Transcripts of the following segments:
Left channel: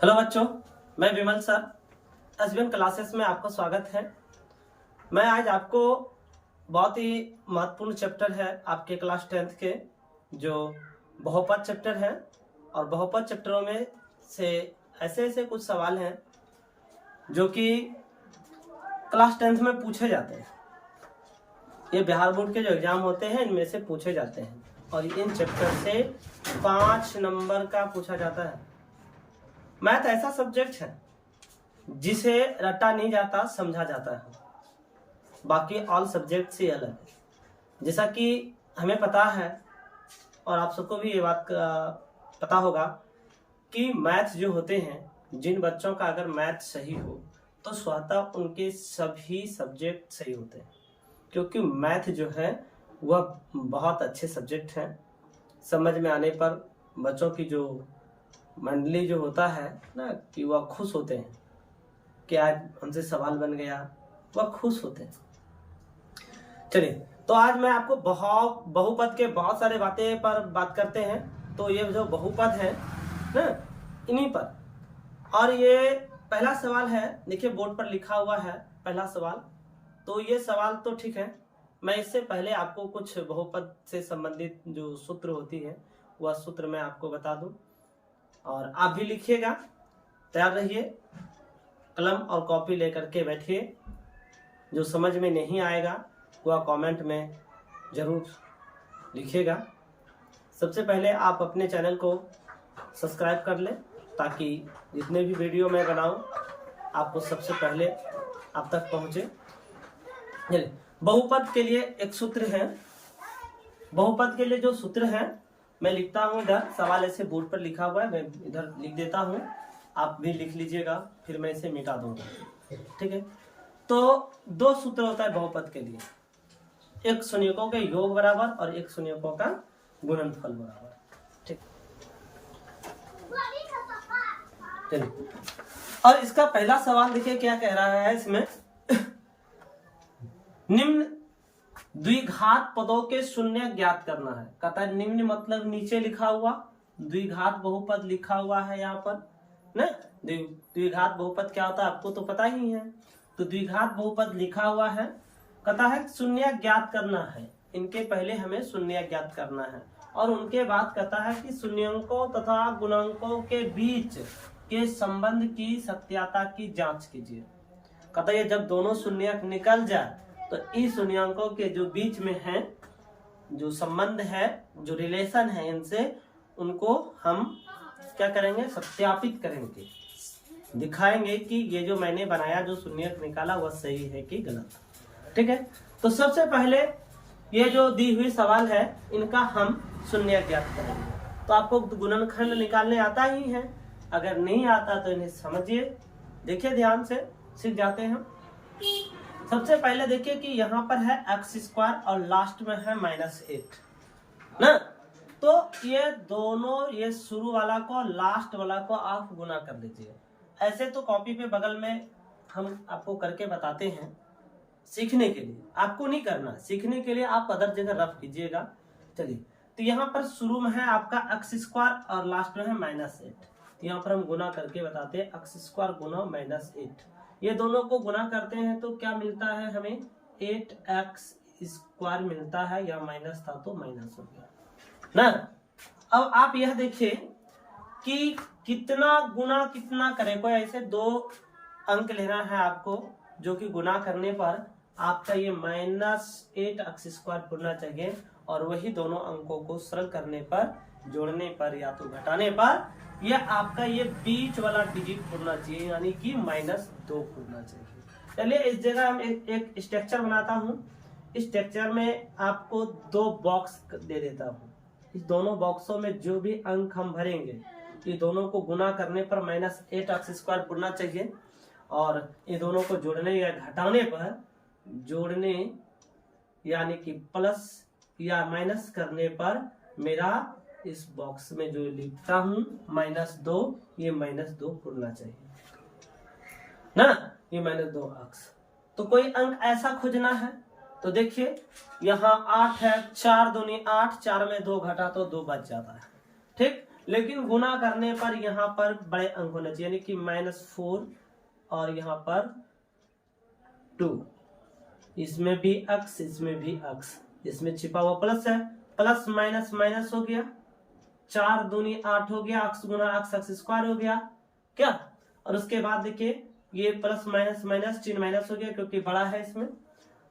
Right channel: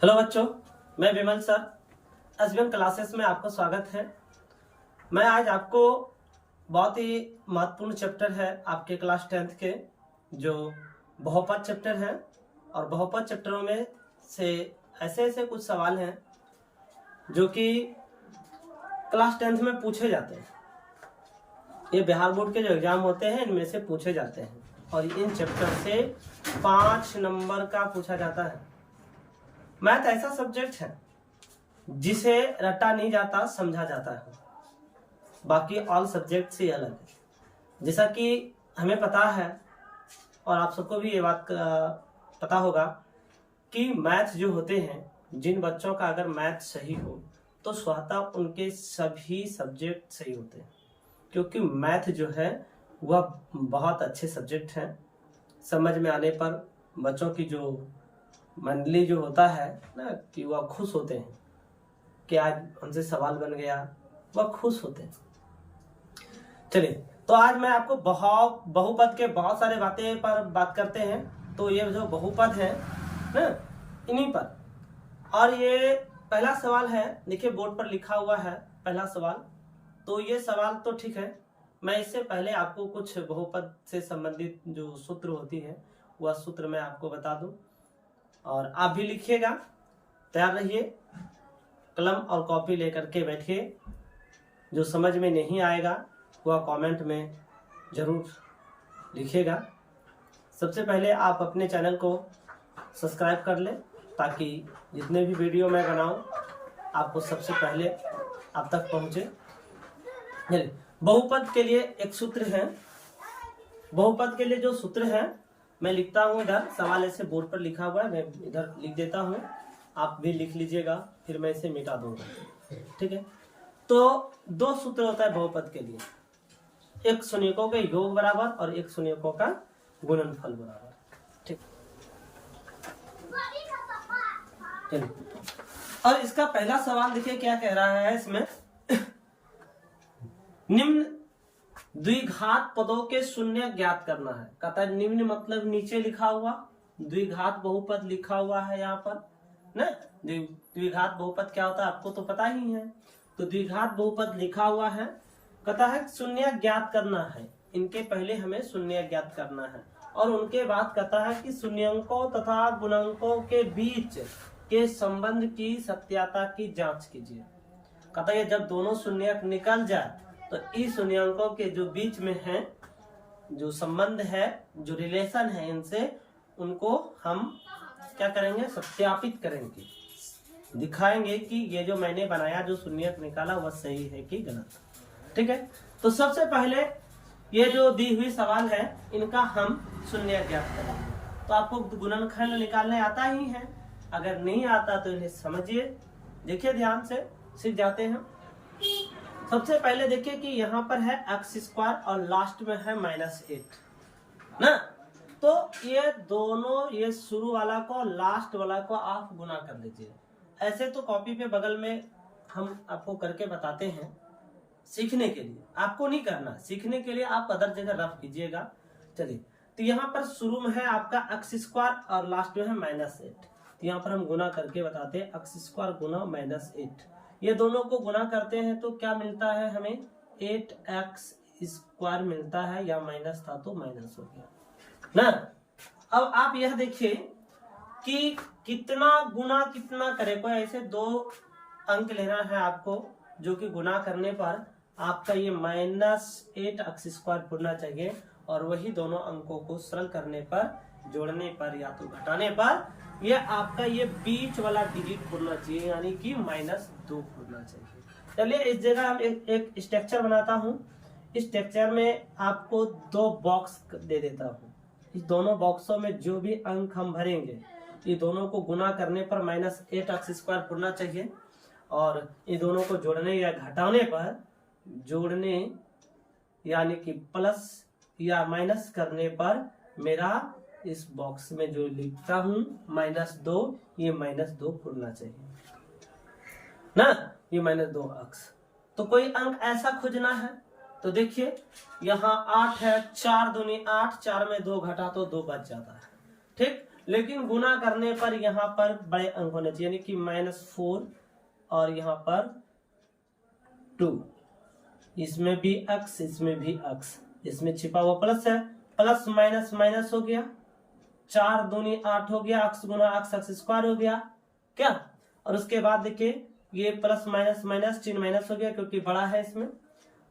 Hello बच्चों, मैं विमल sir SBM classes में आपका स्वागत है। मैं आज आपको बहुत ही महत्वपूर्ण चैप्टर है आपके क्लास 10th के जो बहुपद चैप्टर है, और बहुपद चैप्टरों में से ऐसे कुछ सवाल हैं जो कि क्लास 10th में पूछे जाते हैं। ये बिहार बोर्ड के जो एग्जाम होते हैं इनमें से पूछे जाते हैं, और इन चैप्टर से 5 नंबर का पूछा जाता है। मैथ ऐसा सब्जेक्ट है जिसे रटा नहीं जाता, समझा जाता है। बाकी ऑल सब्जेक्ट से अलग है। जैसा कि हमें पता है और आप सबको भी ये बात पता होगा कि मैथ जो होते हैं, जिन बच्चों का अगर मैथ सही हो तो स्वतः उनके सभी सब्जेक्ट सही होते हैं, क्योंकि मैथ जो है वह बहुत अच्छे सब्जेक्ट हैं। समझ में आने पर बच्चों की जो मंडली जो होता है ना कि वह खुश होते हैं कि आज हमसे सवाल बन गया, वह खुश होते हैं। चलिए, तो आज मैं आपको बहुपद के बहुत सारे बातें पर बात करते हैं। तो ये जो बहुपद है ना, इन्हीं पर। और ये पहला सवाल है, देखिए बोर्ड पर लिखा हुआ है पहला सवाल। तो ये सवाल तो ठीक है, मैं इससे पहले आपको कुछ बहुपद से संबंधित जो सूत्र होती है वह सूत्र मैं आपको बता दूं, और आप भी लिखिएगा। तैयार रहिए, कलम और कॉपी लेकर के बैठिए। जो समझ में नहीं आएगा वह कमेंट में जरूर लिखिएगा। सबसे पहले आप अपने चैनल को सब्सक्राइब कर लें, ताकि जितने भी वीडियो मैं बनाऊं आपको सबसे पहले आप तक पहुंचे। बहुपद के लिए एक सूत्र है। बहुपद के लिए जो सूत्र है मैं लिखता हूं, इधर सवाल ऐसे बोर्ड पर लिखा हुआ है, मैं इधर लिख देता हूं, आप भी लिख लीजिएगा, फिर मैं इसे मिटा दूंगा। ठीक है, तो दो सूत्र होता है बहुपद के लिए, एक शून्यकों के योग बराबर और एक शून्यकों का गुणनफल बराबर। ठीक, चलिए, और इसका पहला सवाल देखिए क्या कह रहा है इसमें। निम्न द्विघात पदों के शून्य ज्ञात करना है। कहता है निम्न मतलब नीचे लिखा हुआ, द्विघात बहुपद लिखा हुआ है यहाँ पर ना। द्विघात बहुपद क्या होता है आपको तो पता ही है। तो द्विघात बहुपद लिखा हुआ है, कहता है शून्य ज्ञात करना है। इनके पहले हमें शून्य ज्ञात करना है, और उनके बाद कहता है कि शून्यंकों तथा गुणांकों के बीच के संबंध की सत्यता की जांच कीजिए। कहता है जब दोनों शून्य निकल जाए तो इस शून्यंकों के जो बीच में है जो संबंध है, जो रिलेशन है इनसे, उनको हम क्या करेंगे, सत्यापित करेंगे, दिखाएंगे कि ये जो मैंने बनाया जो शून्य निकाला वह सही है कि गलत। ठीक है, तो सबसे पहले ये जो दी हुई सवाल है इनका हम शून्य ज्ञात करेंगे। तो आपको गुणनखंड निकालने आता ही है, अगर नहीं आता तो इन्हें समझिए, देखिए ध्यान से, सीख जाते हैं। सबसे पहले देखिए कि यहाँ पर है x² और लास्ट में है -8 ना। तो ये दोनों, ये शुरू वाला को लास्ट वाला को आप गुना कर दीजिए। ऐसे तो कॉपी पे बगल में हम आपको करके बताते हैं, सीखने के लिए आपको नहीं करना, सीखने के लिए आप अदर जगह रख कीजिएगा। चलिए, तो यहाँ पर शुरू में है आपका x² और लास्ट में है -8। तो यहाँ पर हम गुना करके बताते हैं, x² गुना -8। ये दोनों को गुना करते हैं तो क्या मिलता है हमें, 8x² मिलता है, या माइनस था तो माइनस हो गया ना। अब आप यह देखिए कि कितना गुना कितना करे, कोई ऐसे दो अंक लेना है आपको जो कि गुना करने पर आपका ये -8x² पूरना चाहिए, और वही दोनों अंकों को सरल करने पर, जोड़ने पर या तो घटाने पर ये आपका ये बीच वाला डिजिट पूरना चाहिए, यानी कि -2 पूरना चाहिए। चलिए, इस जगह हम एक स्ट्रक्चर बनाता हूँ। इस स्ट्रक्चर में आपको दो बॉक्स दे देता हूँ। इस दोनों बॉक्सों में जो भी अंक हम भरेंगे, ये दोनों को गुना करने पर -8x² पूरना चाहिए, और ये दोनों को जोड़ने या घटाने पर, जोड़ने यानी कि प्लस या माइनस करने पर मेरा इस बॉक्स में जो लिखता हूं -2, ये -2 पूरना चाहिए ना, ये -2 अक्स। तो कोई अंक ऐसा खोजना है तो देखिए यहाँ 8 है, 4 दूनी 8, 4 में 2 घटा तो 2 बच जाता है। ठीक, लेकिन गुना करने पर यहाँ पर बड़े अंक होने चाहिए, यानी कि -4 और यहाँ पर 2, इसमें भी अक्स, इसमें भी अक्स, इसमें छिपा हुआ प्लस है, प्लस माइनस माइनस हो गया, 4 दूनी 8 हो गया, अक्स गुना अक्स, अक्स स्क्वायर हो गया क्या। और उसके बाद देखिए ये प्लस माइनस माइनस चिन्ह माइनस हो गया, क्योंकि बड़ा है, इसमें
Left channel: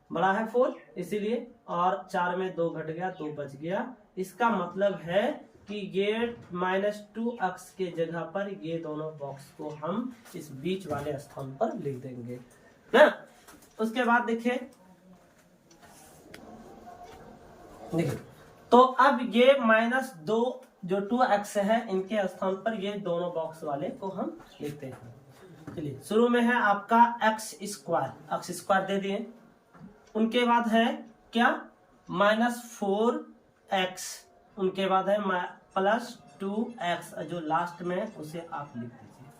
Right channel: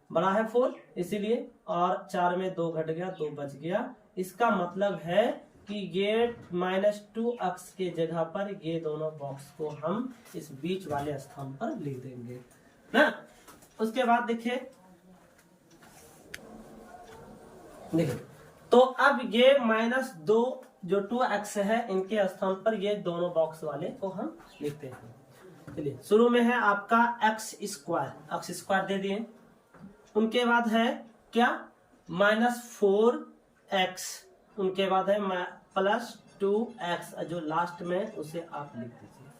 बड़ा है 4 इसीलिए, और 4 में 2 घट गया, 2 बच गया। इसका मतलब है कि ये -2 अक्स के जगह पर ये दोनों बॉक्स को हम इस बीच वाले स्थान पर लिख देंगे ना। उसके बाद देखिए तो अब ये -2 जो 2x है इनके स्थान पर ये दोनों बॉक्स वाले को हम लिखते हैं। चलिए शुरू में है आपका x स्क्वायर दे दिए, उनके बाद है क्या -4x, उनके बाद है +2x, जो लास्ट में उसे आप लिख दीजिए,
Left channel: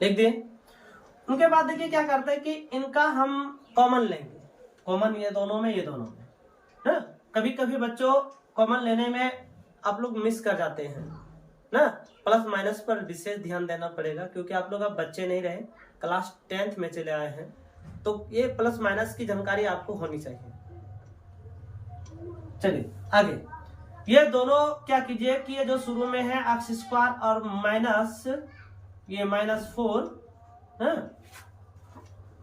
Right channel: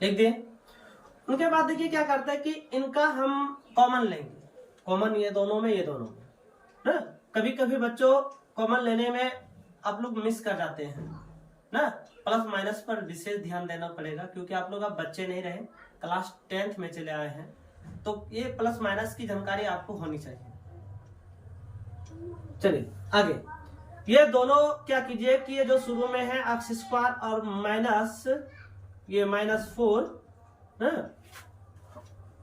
लिख दिए। उनके बाद देखिए क्या करते हैं कि इनका हम कॉमन लेंगे, कॉमन ये दोनों में ना। कभी कभी बच्चों कॉमन लेने में आप लोग मिस कर जाते हैं ना, प्लस माइनस पर विशेष ध्यान देना पड़ेगा, क्योंकि आप लोग अब बच्चे नहीं रहे, क्लास 10th में चले आए हैं, तो ये प्लस माइनस की जानकारी आपको होनी चाहिए। चलिए आगे, ये दोनों क्या कीजिए कि ये जो शुरू में है एक्स स्क्वायर और माइनस ये -4,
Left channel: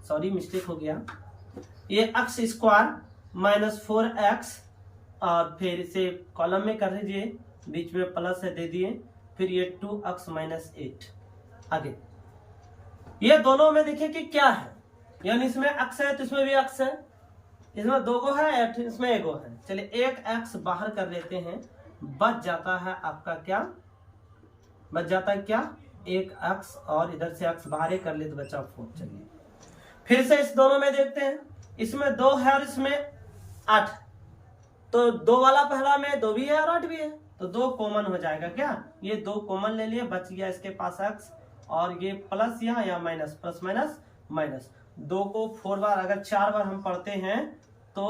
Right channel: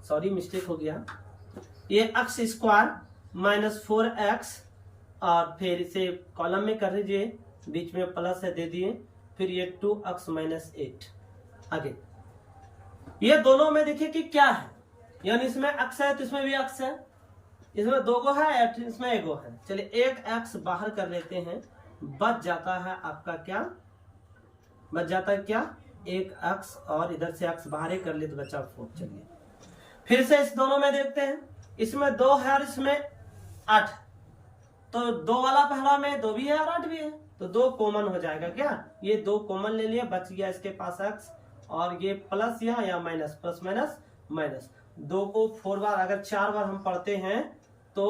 सॉरी मिस्टेक हो गया, ये एक्स स्क्वायर -4x, और फिर इसे कॉलम में कर लीजिए, बीच में प्लस है दे दिए, फिर ये 2x -8। आगे ये दोनों में देखिए कि क्या है, यानी इसमें x है तो इसमें भी x है, इसमें 2 को है, इसमें 1 को है। चलिए एक x बाहर कर लेते हैं, बच जाता है आपका क्या, बच जाता है क्या, एक x, और इधर से x बाहर ही कर ले तो बचा 4। चलिए फिर से इस दोनों में देखते हैं, इसमें 2 है और इसमें 8, तो 2 वाला पहला में 2 भी है और 8 भी है, तो 2 कॉमन हो जाएगा क्या, ये 2 कॉमन ले लिए, बच गया इसके पास x, और ये प्लस यहाँ या माइनस, प्लस माइनस माइनस, 2 को 4 बार अगर 4 बार हम पढ़ते हैं तो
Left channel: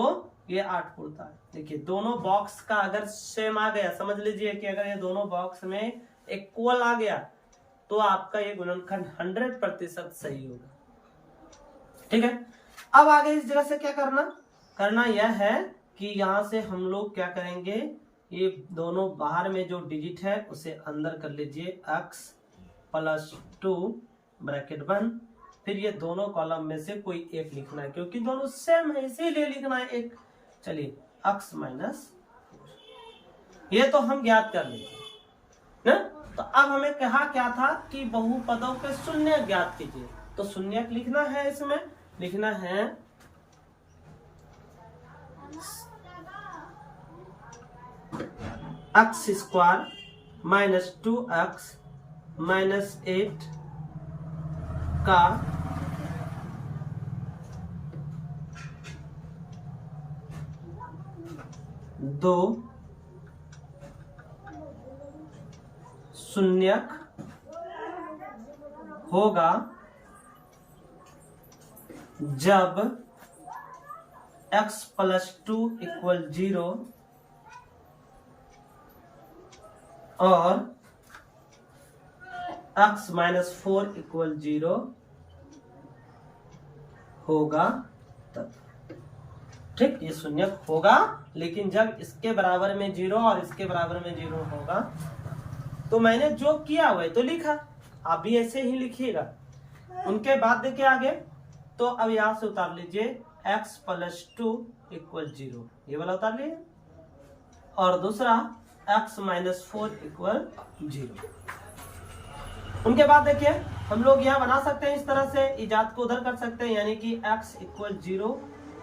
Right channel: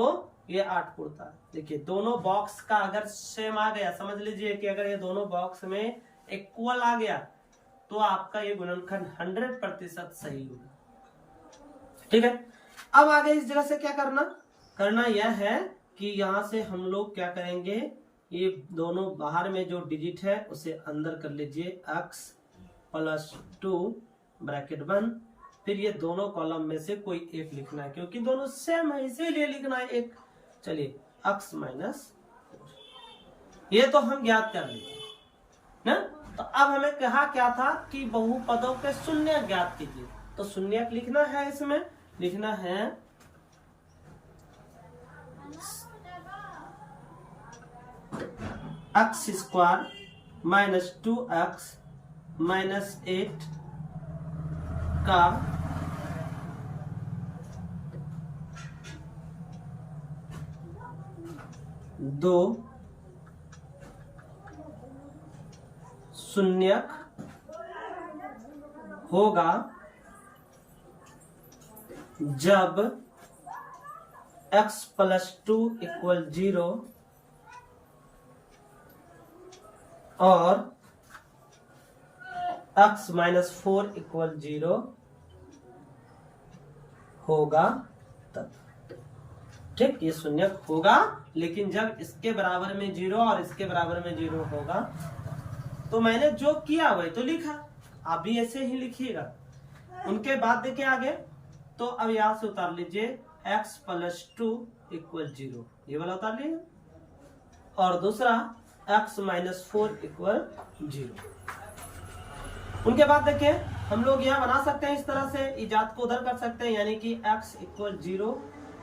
ये 8 उड़ता है। देखिए दोनों बॉक्स का अगर सेम आ गया, समझ लीजिए कि अगर ये दोनों बॉक्स में इक्वल आ गया तो आपका ये गुणनखंड 100% सही होगा। ठीक है, अब आगे इस जगह से क्या करना यह है कि यहां से हम लोग क्या करेंगे, ये दोनों बाहर में जो डिजिट है उसे अंदर कर लीजिए, x +2 ब्रैकेट बंद, फिर ये दोनों कॉलम में से कोई एक लिखना है, क्योंकि दोनों सेम है इसीलिए लिखना है एक। चलिए x -4, ये तो हम ज्ञात कर लीजिए ना। तो अब हमें कहा क्या था कि बहुपदों के शून्य ज्ञात कीजिए, तो शून्य लिखना है, इसमें लिखना है x स्क्वायर -2x -8 का दो शून्यक होगा जब x +2 = 0 और x -4 = 0 होगा तब। ठीक, ये शून्यक होगा, लेकिन जब इसके बराबर में 0 और इसके बराबर में 0 होगा। तो मैंने जो किया वही तो लिखा, आप भी ऐसे ही लिखिएगा। उनके बाद देखिए आगे, तो अब यहां से उतार लीजिए x +2 = 0, ये वाला उतार लीजिए, और दूसरा x -4 = 0। उनके बाद देखिए हम लोग यहाँ बना सकते हैं, इस तरह से इजाद को उधर कर सकते हैं, यानी कि x = 0,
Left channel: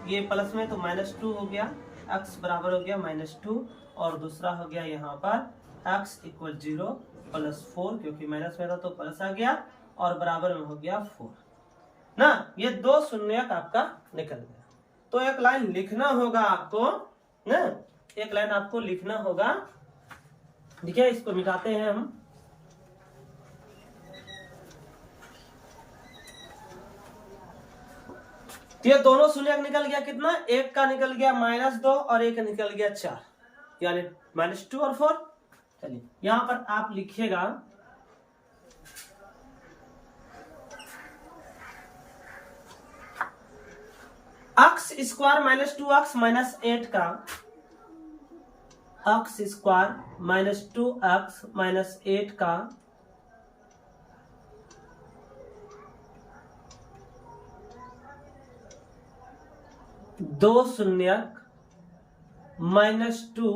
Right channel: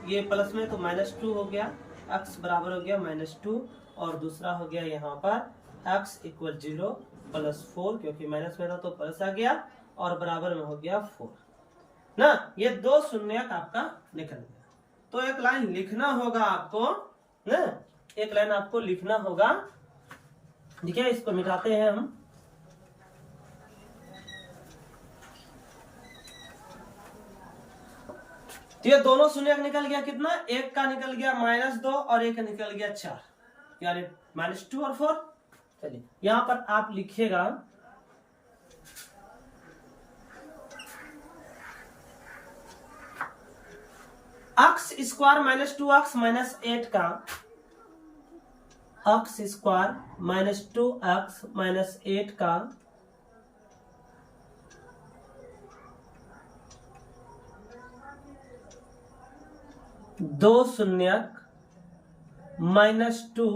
ये प्लस में तो -2 हो गया, x बराबर हो गया -2, और दूसरा हो गया यहाँ पर x = 0 +4, क्योंकि माइनस में था तो प्लस आ गया, और बराबर में हो गया 4 ना। ये 2 शून्यक आपका निकल गया। तो एक लाइन लिखना होगा आपको ना, एक लाइन आपको लिखना होगा। देखिए इसको मिटाते हैं हम, तो ये दोनों शून्यक निकल गया कितना, एक का निकल गया -2 और एक निकल गया 4, यानी -2 और 4। चलिए यहां पर आप लिखिएगा x square minus 2x minus 8 का x square minus 2x minus 8 का दो शून्यक -2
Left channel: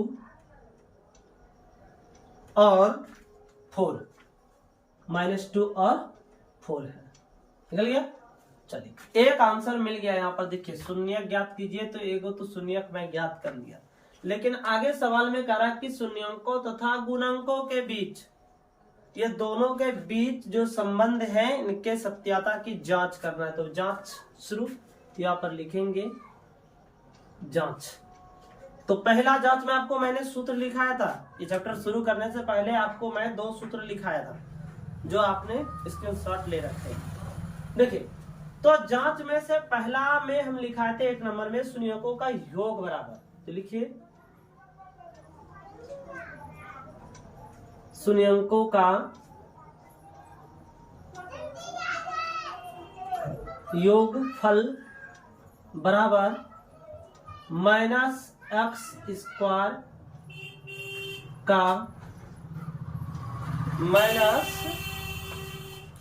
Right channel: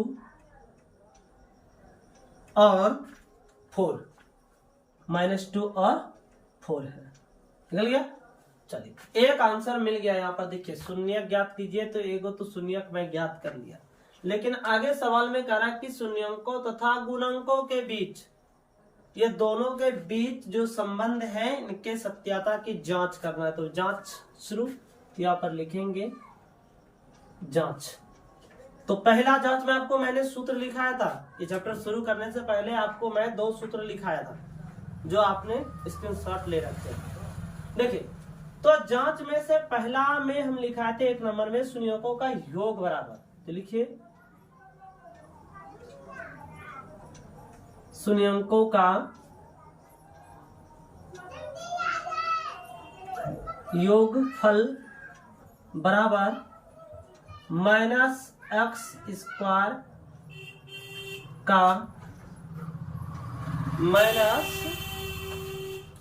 और 4 -2 और 4 है। निकल गया। चलिए एक आंसर मिल गया। यहाँ पर देखिए शून्यक ज्ञात कीजिए, तो एगो तो शून्यक मैं ज्ञात कर लिया, लेकिन आगे सवाल में कह रहा है कि शून्यंकों तथा गुणांकों के बीच, ये दोनों के बीच जो संबंध है इनके सत्यता की जांच करना है। तो जांच शुरू, यहाँ पर लिखेंगे जांच। तो पहला जांच में आपको मैंने सूत्र लिखाया था, ये चैप्टर शुरू करने से पहले आपको मैं 2 सूत्र लिखाया था जो आपने स्क्रीनशॉट ले रखे। देखिए तो जांच में से पहला में हम लिखाए थे 1 नंबर में शून्यकों का योग बराबर, तो लिखिए शून्यकों का योगफल बराबर -x स्क्वायर का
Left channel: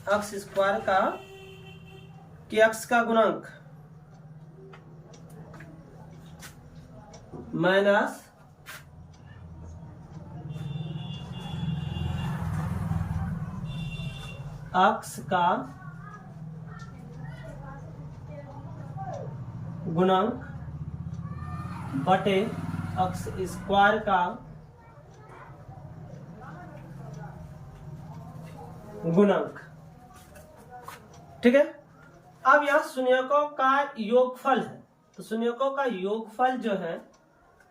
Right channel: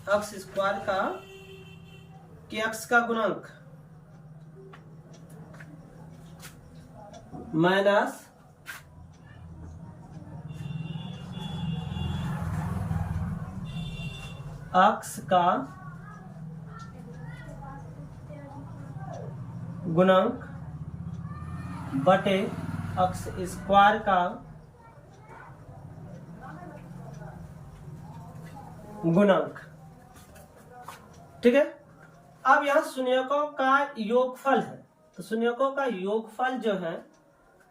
-x स्क्वायर का कि x का गुणांक माइनस x का गुणांक बटे x स्क्वायर का गुणांक। ठीक है। अब यह शून्यकों का योगफल है, तो शून्यकों का योगफल जो है,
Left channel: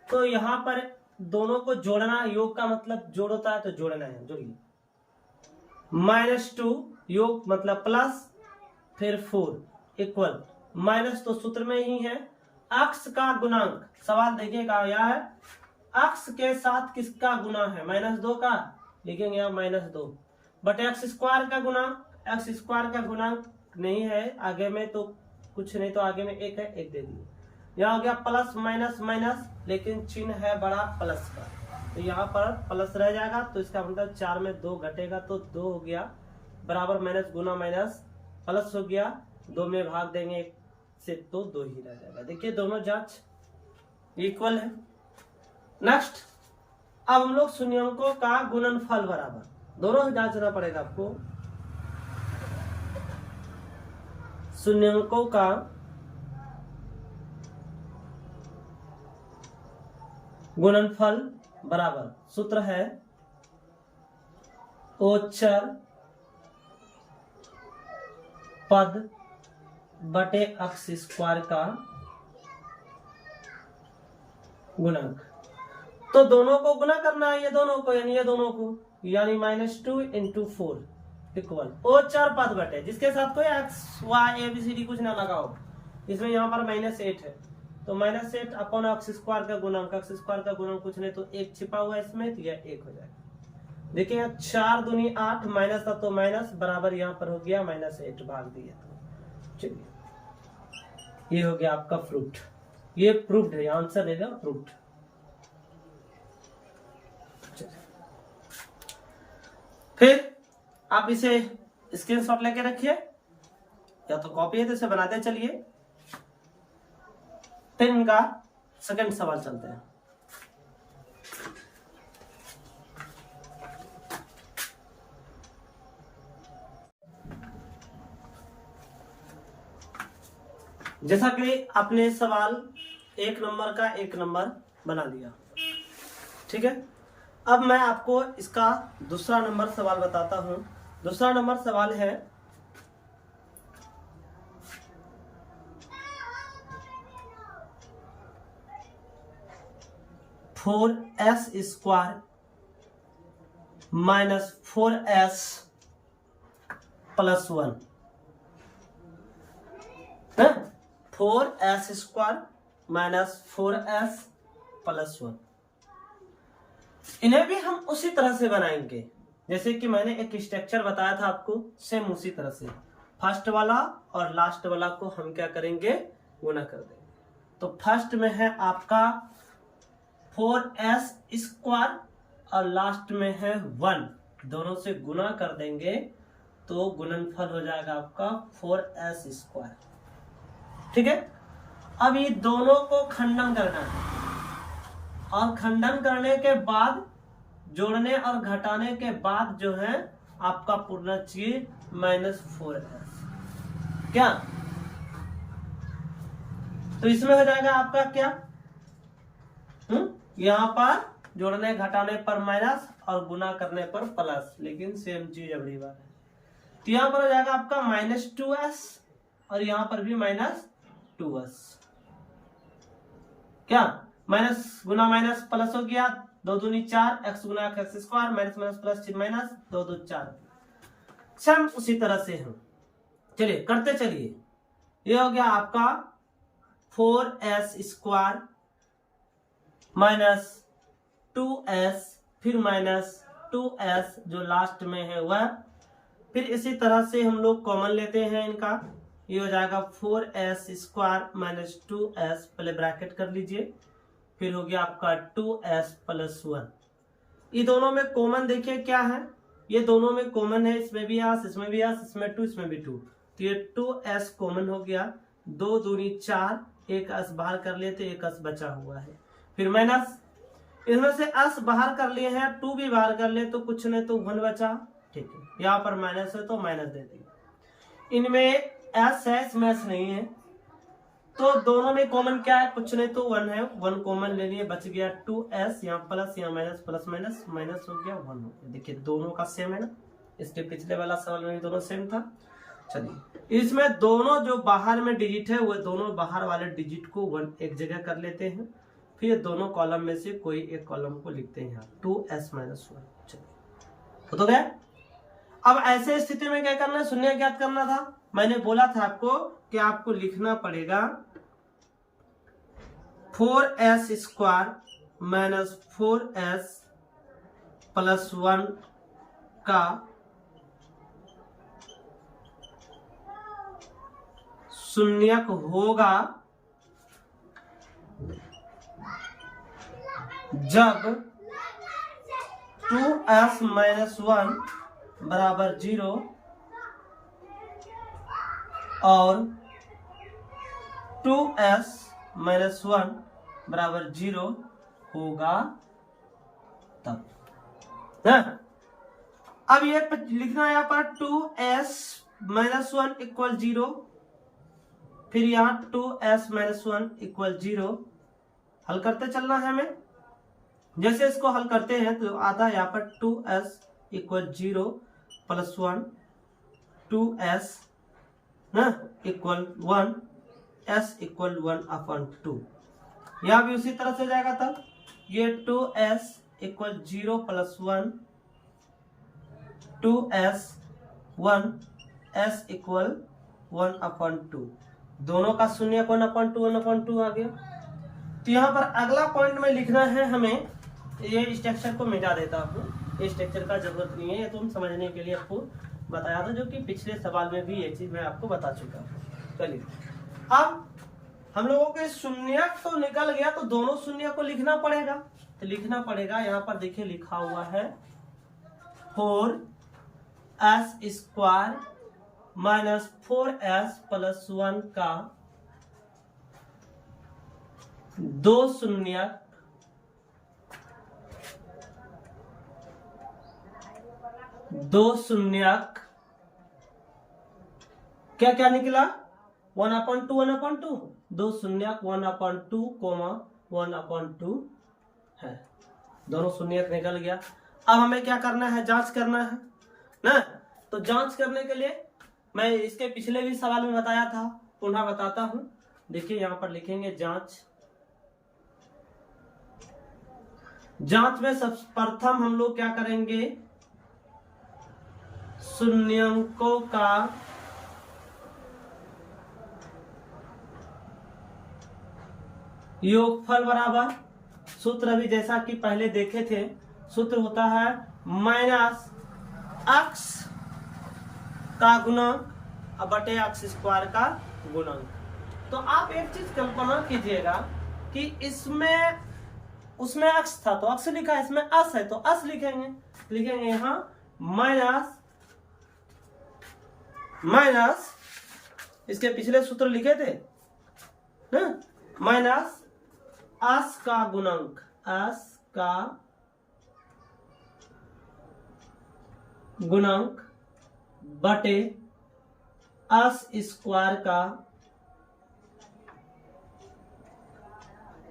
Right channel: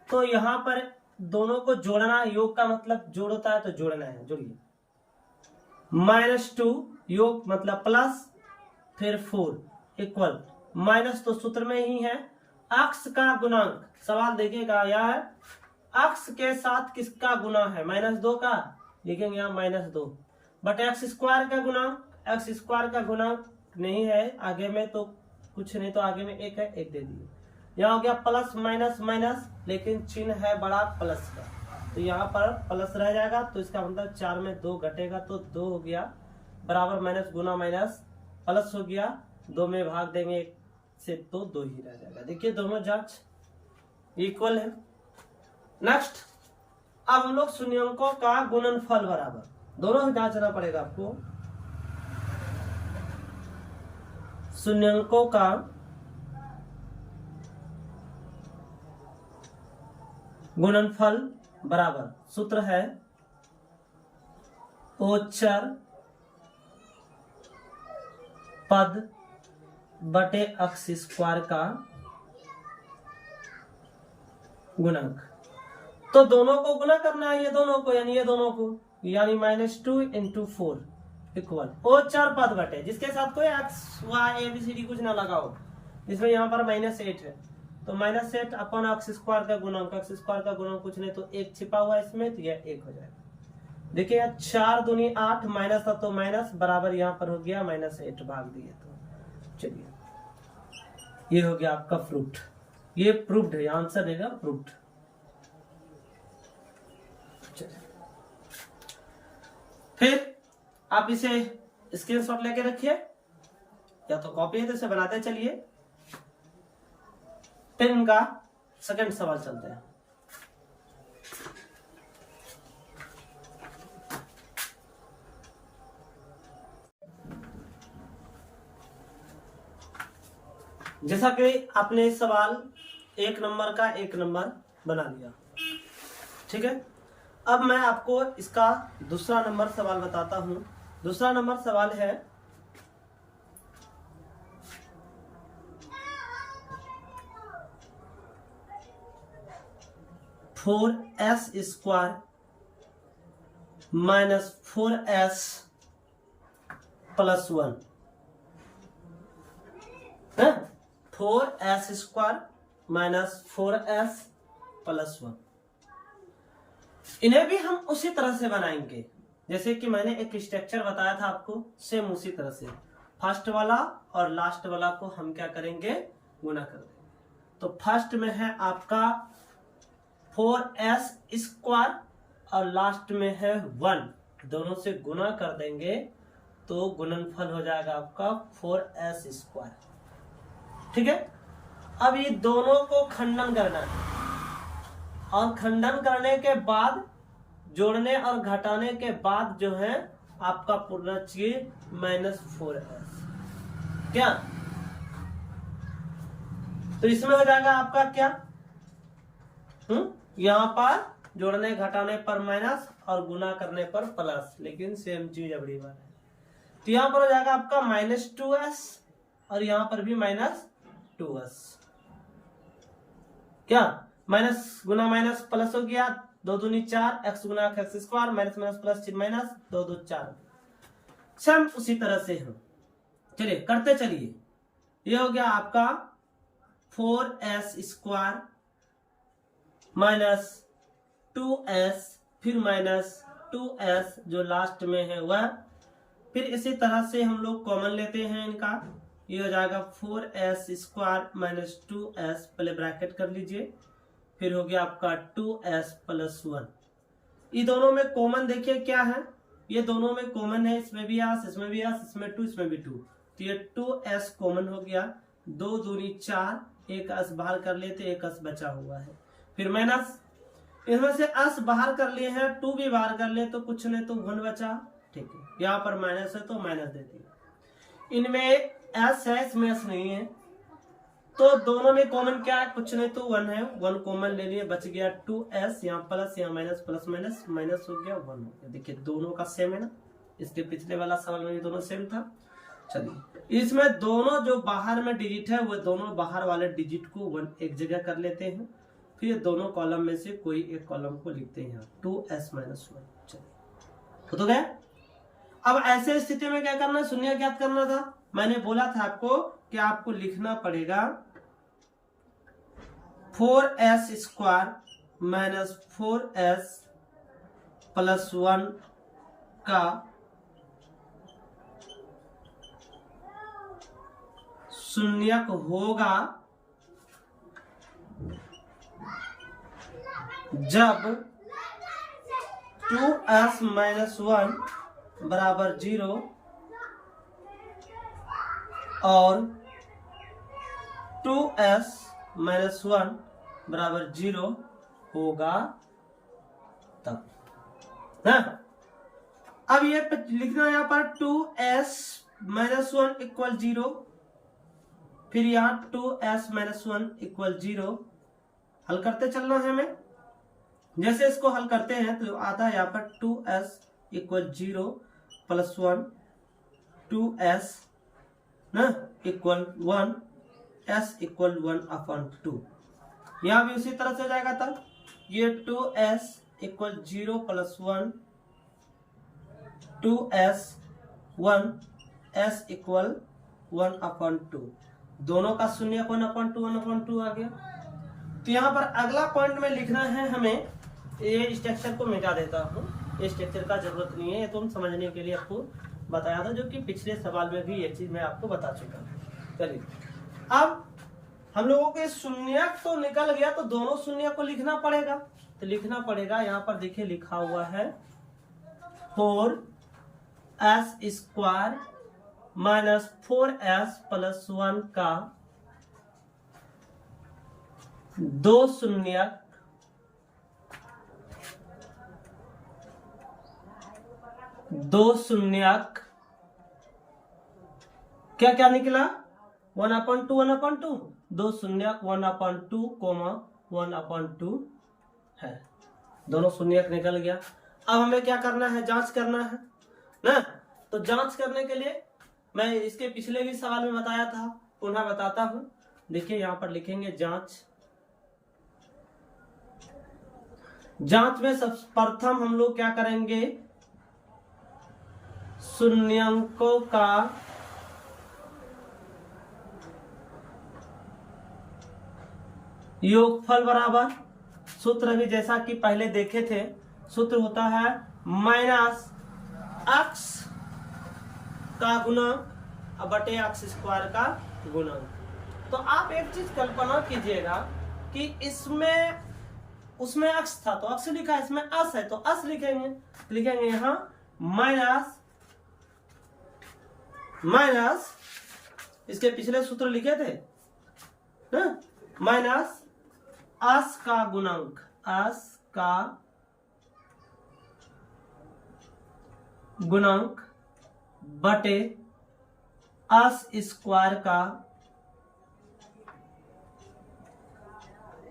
तो यहां पर दोनों को जोड़ना, योग का मतलब जोड़ होता है, तो जोड़ना है। जोड़िए -2 योग मतलब प्लस, फिर 4 इक्वल माइनस, तो सूत्र में ही है x का गुणांक। सवाल देखिएगा यह है x के साथ किसका गुना है, -2 का, लिखेंगे यहाँ -2 बट x स्क्वायर का गुणांक, x स्क्वायर का गुणांक नहीं है आगे में, तो कुछ नहीं, तो आगे में 1 है, 1 दे दिए। यहाँ हो गया प्लस माइनस माइनस, लेकिन चिन्ह है बड़ा प्लस का, तो यहाँ पर प्लस रह जाएगा, तो इसका मतलब 4 में 2 घटेगा, तो 2 हो गया बराबर माइनस गुना माइनस प्लस हो गया, 2 में भाग देंगे 1 से, तो 2 ही रह जाएगा। देखिए दोनों जांच इक्वल है। नेक्स्ट, अब हम लोग शून्यंकों का गुणनफल बराबर, दोनों जांचना पड़ेगा आपको। शून्यंकों का गुणनफल बराबर, सूत्र है ओचर पद बटे x स्क्वायर का गुणक। तो दोनों को गुना करना है, ये दोनों को, यानी ये दोनों को, यानी -2 × 4 इक्वल ओचर पद बटे, जिसके साथ कोई x y ABCD कुछ ना लगाओ, इसमें यहाँ पर -8 है, तो -8 अपन x स्क्वायर का गुणांक, x स्क्वायर का गुणांक कुछ नहीं, तो 1 छिपा हुआ इसमें, तो यह 1 हो जाएगा। देखिए यहाँ 4 दूनी 8, माइनस था तो माइनस, बराबर यहाँ पर हो गया -8 भाग दिया, तो चलिए ये हो गया आपका प्रूफ्ड, ये प्रूफ्ड है, आंसर देगा प्रूफ्ड। फिर आप इसे स्क्रीनशॉट लेके रखिए, या तो कॉपी है तो इसे बनाते चलिए। फिर इनका सेकंड सवाल चलते हैं। जैसा कि आपने सवाल 1 नंबर का 1 नंबर बना लिया, ठीक है। अब मैं आपको इसका दूसरा नंबर सवाल बताता हूं। दूसरा नंबर सवाल है 4s square -4s + 1, 4s square -4s + 1। इन्हें भी हम उसी तरह से बनाएंगे जैसे कि मैंने एक स्ट्रक्चर बताया था आपको, सेम उसी तरह से फर्स्ट वाला और लास्ट वाला को हम क्या करेंगे, गुना कर देंगे। तो फर्स्ट में है आपका 4s² और लास्ट में है 1, दोनों से गुना कर देंगे तो गुणनफल हो जाएगा आपका 4s²। ठीक है, अब ये दोनों को खंडन करना है और खंडन करने के बाद जोड़ने और घटाने के बाद जो है आपका पूर्ण चीज -4s क्या, तो इसमें हो जाएगा आपका क्या, यहां पर जोड़ने घटाने पर माइनस और गुना करने पर प्लस, लेकिन सेम चीज अगली बार है। तो यहां पर हो जाएगा आपका -2s और यहां पर भी -2s क्या, माइनस गुना माइनस प्लस हो गया, 2 दूनी 4, x गुना x² माइनस माइनस प्लस चिन्ह माइनस, 2 2 4। सेम उसी तरह से हम चलिए करते चलिए। ये हो गया आपका 4s² माइनस 2s फिर -2s जो लास्ट में है वह, फिर इसी तरह से हम लोग कॉमन लेते हैं इनका, ये हो जाएगा 4s² माइनस 2s, पहले ब्रैकेट कर लीजिए, फिर हो गया आपका 2s प्लस 1। ये दोनों में कॉमन देखिए क्या है, ये दोनों में कॉमन है, इसमें भी s, इसमें भी s, इसमें 2, इसमें भी 2, तो ये 2s कॉमन हो गया, 2 दूनी 4, एक s बाहर कर लिए तो एक s बचा हुआ है, फिर माइनस, इसमें से s बाहर कर लिए हैं, 2 भी बाहर कर लिए तो कुछ नहीं तो 1 बचा। ठीक है, यहाँ पर माइनस है तो माइनस दे दिए, इनमें s है इसमें s नहीं है, तो दोनों में कॉमन क्या है, कुछ नहीं तो 1 है, 1 कॉमन ले लिए, बच गया 2s, यहाँ प्लस यहाँ माइनस, प्लस माइनस माइनस हो गया 1 हो गया। देखिए दोनों का सेम है ना, इसके पिछले वाला सवाल में भी दोनों सेम था। चलिए इसमें दोनों जो बाहर में डिजिट है वो दोनों बाहर वाले डिजिट को 1 एक जगह कर लेते हैं, फिर दोनों कॉलम में से कोई एक कॉलम को लिखते हैं यहाँ 2s - 1। चलिए तो गया। अब ऐसे स्थिति में क्या करना है, शून्य ज्ञात करना था, मैंने बोला था आपको कि आपको लिखना पड़ेगा 4s² माइनस 4s प्लस 1 का शून्यक होगा जब 2s - 1 बराबर 0 और 2s - 1 बराबर 0 होगा तब है। अब ये लिखना है यहाँ पर 2s - 1 इक्वल 0, फिर यहाँ 2s - 1 इक्वल 0, हल करते चलना है हमें। जैसे इसको हल करते हैं तो आता है यहाँ पर 2s equal 0 plus 1, 2s equal 1, s equal 1/2, यहाँ भी उसी तरह से जाएगा। तब ये 2s equal 0 plus 1, 2s 1, s equal 1/2, दोनों का शून्य 1/2 आ गया। तो यहाँ पर अगला पॉइंट में लिखना है हमें, ये स्ट्रक्चर को मिटा देता हूँ, ये स्ट्रक्चर का जरूरत नहीं है, ये तुम समझने के लिए आपको बताया था, जो कि पिछले सवाल में भी ये चीज मैं आपको बता चुका हूँ। चलिए अब हम लोगों के शून्य तो निकल गया, तो दोनों शून्य को लिखना पड़ेगा, तो लिखना पड़ेगा यहाँ पर देखिए लिखा हुआ है 4s² माइनस 4s प्लस 1 का 2 शून्यक क्या क्या निकला 1/2 2 शून्यक 1/2 1/2 है, दोनों शून्यक निकल गया। अब हमें क्या करना है, जांच करना है ना। तो जांच करने के लिए मैं इसके पिछले भी सवाल में बताया था, पुनः बताता हूं। देखिए यहां पर लिखेंगे जांच। जांच में सर्वप्रथम हम लोग क्या करेंगे, शून्यंकों का योगफल बराबर, सूत्र भी जैसा कि पहले देखे थे सूत्र होता है माइनस एक्स का गुणक बटे एक्स स्क्वायर का गुणक। तो आप एक चीज कल्पना कीजिएगा कि इसमें उसमें एक्स था तो एक्स लिखा है, इसमें एस है तो एस लिखेंगे यहां माइनस इसके पिछले सूत्र लिखे थे ना, माइनस एस का गुणक, एस का गुणक बटे एस स्क्वायर का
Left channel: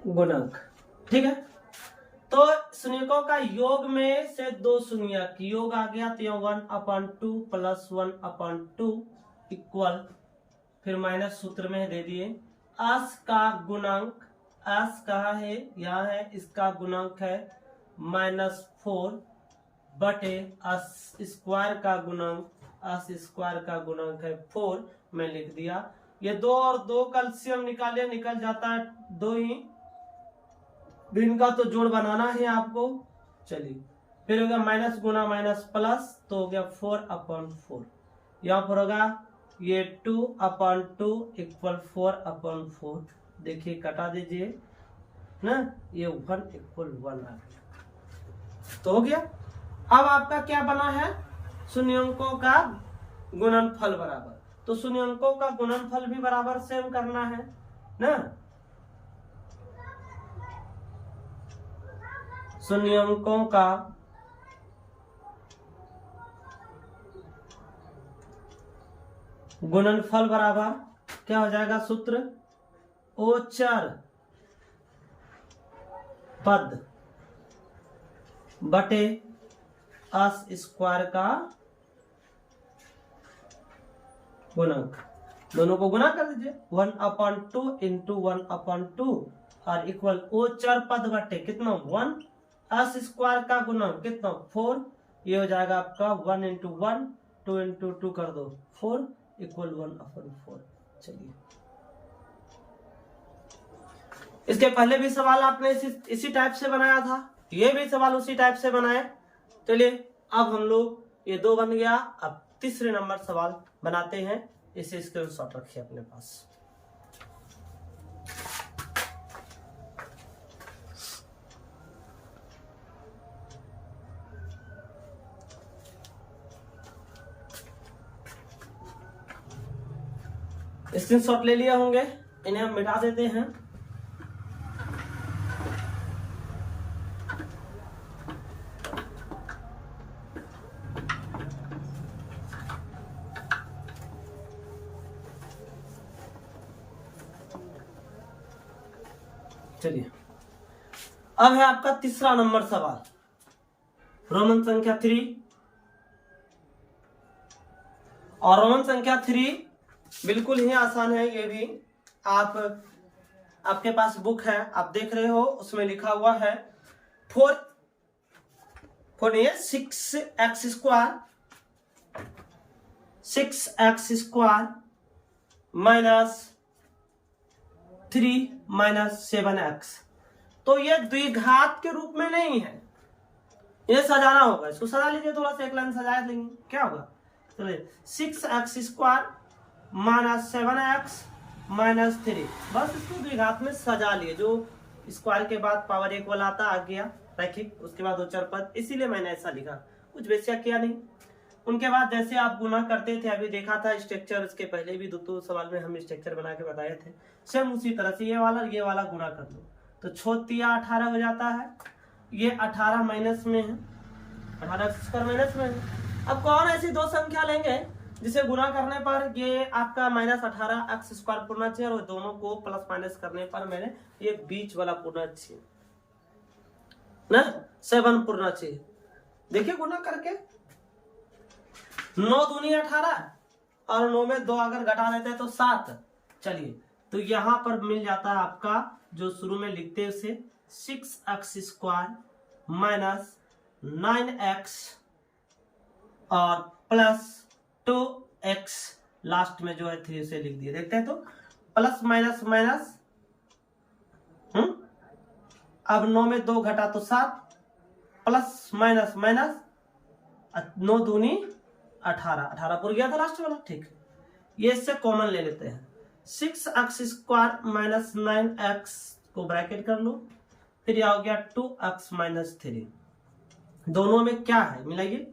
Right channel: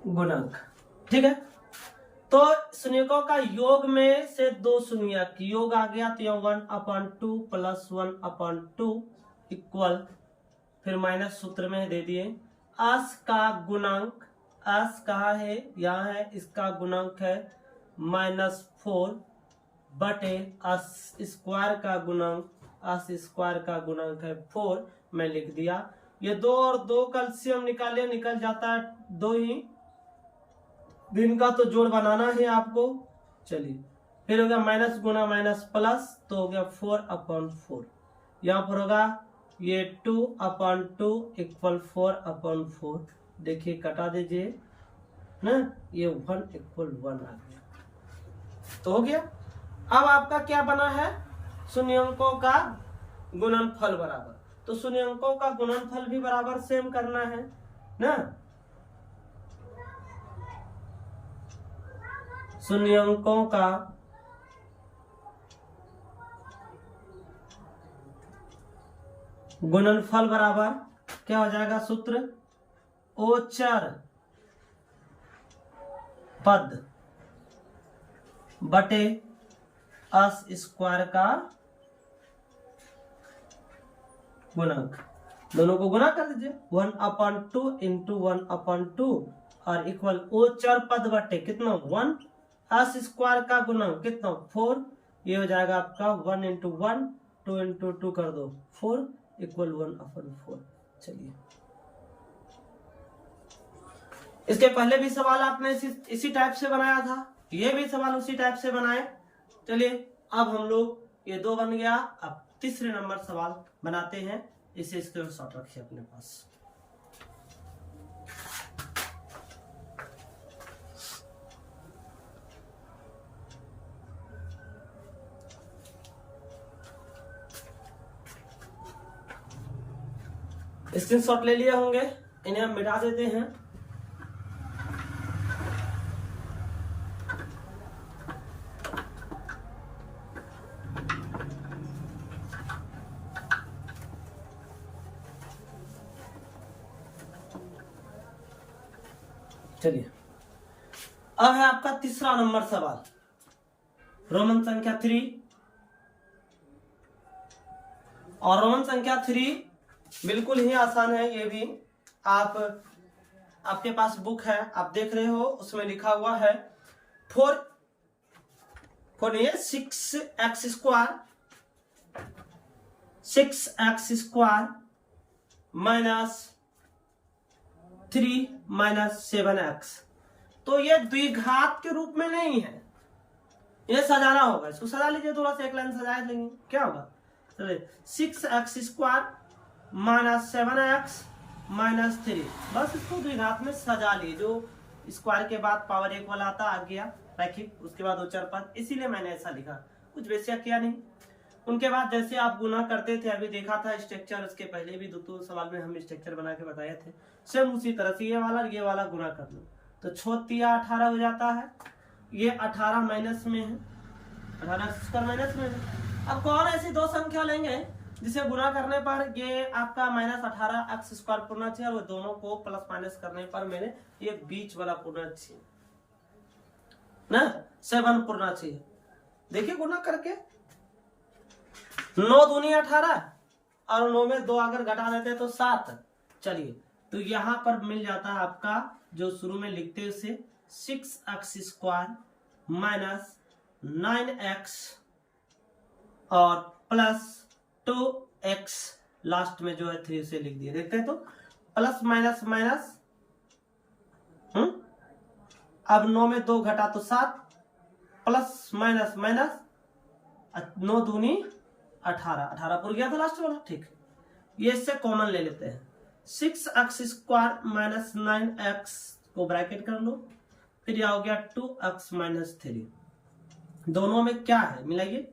गुणक। ठीक है, तो शून्यकों का योग में से दो शून्यक योग आ गया तो यहाँ 1/2 प्लस 1/2 इक्वल, फिर माइनस सूत्र में दे दिए एस का गुणक, एस कहाँ है, यहाँ है, इसका गुणक है -4 बटे एस स्क्वायर का गुणक, एस स्क्वायर का गुणक है 4, मैं लिख दिया। ये 2 और 2 कैल्शियम निकालिए, निकल जाता है 2 ही, दिन का तो जोड़ बनाना है आपको। चलिए फिर हो गया माइनस गुना माइनस प्लस, तो हो गया 4/4, यहाँ पर होगा ये 2/2 इक्वल 4/4। देखिए कटा दीजिए ना, ये 1 आ गया, तो हो गया। अब आपका क्या बना है, शून्यंकों का गुणनफल बराबर, तो शून्यंकों का गुणनफल भी बराबर सेम करना है ना, शून्यंकों का गुणनफल बराबर क्या हो जाएगा, सूत्र ओचर पद बटे एस स्क्वायर का गुणक, दोनों को गुना कर दीजिए 1/2 इंटू 1/2 और इक्वल ओचर पद बटे कितना 1, एस स्क्वायर का गुणक कितना 4, ये हो जाएगा आपका 1 इंटू 1, 2 इंटू 2 कर दो 4 इक्वल 1/4। चलिए इसके पहले भी सवाल आपने इसी टाइप से बनाया था, ये भी सवाल उसी टाइप से बनाए। चलिए अब हम लोग ये 2 बन गया, अब तीसरे नंबर सवाल बनाते हैं, इसे स्क्रीनशॉट रखिए अपने पास। स्क्रीनशॉट ले लिए होंगे, इन्हें हम मिटा देते हैं। चलिए अब है आपका तीसरा नंबर सवाल, रोमन संख्या 3, और रोमन संख्या 3 बिल्कुल ही आसान है। ये भी आपके पास बुक है, आप देख रहे हो, उसमें लिखा हुआ है 6x square minus 3 minus 7x। तो ये द्विघात के रूप में नहीं है, ये सजाना होगा, इसको सजा लीजिए, थोड़ा सा एक लाइन सजा देंगे, क्या होगा, 6x square minus 7x minus 3, बस इसको द्विघात में सजा लिए, जो स्क्वायर के बाद पावर 1 वाला आता आ गया रैखिक, उसके बाद उच्चर पद, इसीलिए मैंने ऐसा लिखा, कुछ वैसा किया नहीं। उनके बाद जैसे आप गुना करते थे, अभी देखा था स्ट्रक्चर, इसके पहले भी 2 सवाल में हम स्ट्रक्चर बना के बताए थे, सेम उसी तरह से ये वाला गुना कर लो, तो 18 हो जाता है, ये 18 माइनस में है, 18 स्क्वायर माइनस में है। अब कौन ऐसी 2 संख्या लेंगे जिसे गुना करने पर ये आपका -18x स्क्वायर पूर्णा चाहिए, और दोनों को प्लस माइनस करने पर मैंने ये बीच वाला पूर्णा चाहिए ना 7 पूर्णा चाहिए। देखिए गुना करके 9 दूनी 18 और 9 में 2 अगर घटा देते हैं तो 7। चलिए तो यहां पर मिल जाता है आपका जो शुरू में लिखते हैं उसे 6x स्क्वायर माइनस 9x और प्लस 2x, लास्ट में जो है 3 से लिख दिए, देखते हैं तो प्लस माइनस माइनस, अब 9 में 2 घटा तो 7, प्लस माइनस माइनस 9 दूनी 18, 18 पूरा गया था लास्ट वाला। ठीक, ये इससे कॉमन ले लेते हैं। 6x² माइनस 9x को ब्रैकेट कर लो, फिर यह हो गया 2x माइनस 3। दोनों में क्या है मिलाइए,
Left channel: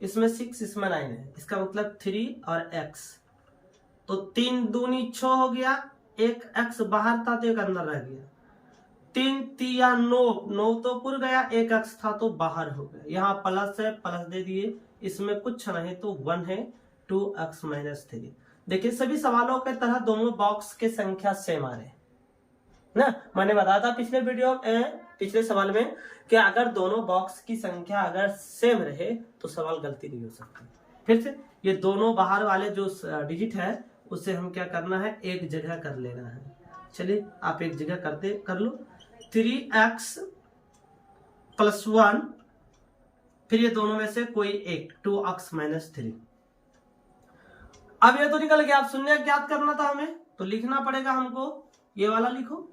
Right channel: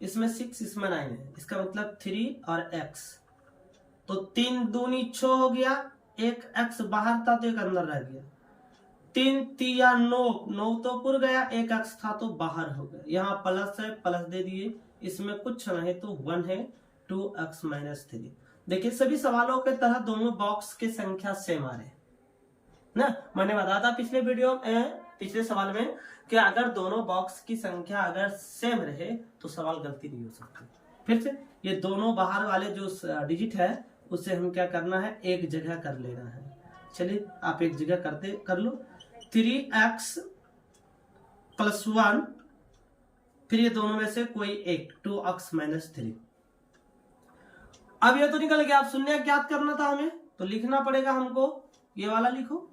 इसमें 6 इसमें 9 है, इसका मतलब 3 और x, तो 3 दूनी 6 हो गया, एक x बाहर था तो एक अंदर रह गया, 3 तिया 9, 9 तो पुर गया, एक x था तो बाहर हो गया। यहाँ प्लस है, प्लस दे दिए, इसमें कुछ नहीं तो 1 है, 2x माइनस 3। देखिए सभी सवालों के तरह दोनों बॉक्स की संख्या सेम आ रहे ना। मैंने बताया था पिछले वीडियो पिछले सवाल में कि अगर दोनों बॉक्स की संख्या अगर सेम रहे तो सवाल गलती नहीं हो सकती। फिर से ये दोनों बाहर वाले जो डिजिट है उसे हम क्या करना है, एक जगह कर लेना है। चलिए आप एक जगह कर लो। 3x प्लस 1, फिर ये दोनों में से कोई एक, 2x माइनस 3। अब ये तो निकल गया, आप शून्य ज्ञात करना था हमें, तो लिखना पड़ेगा हमको, ये वाला लिखो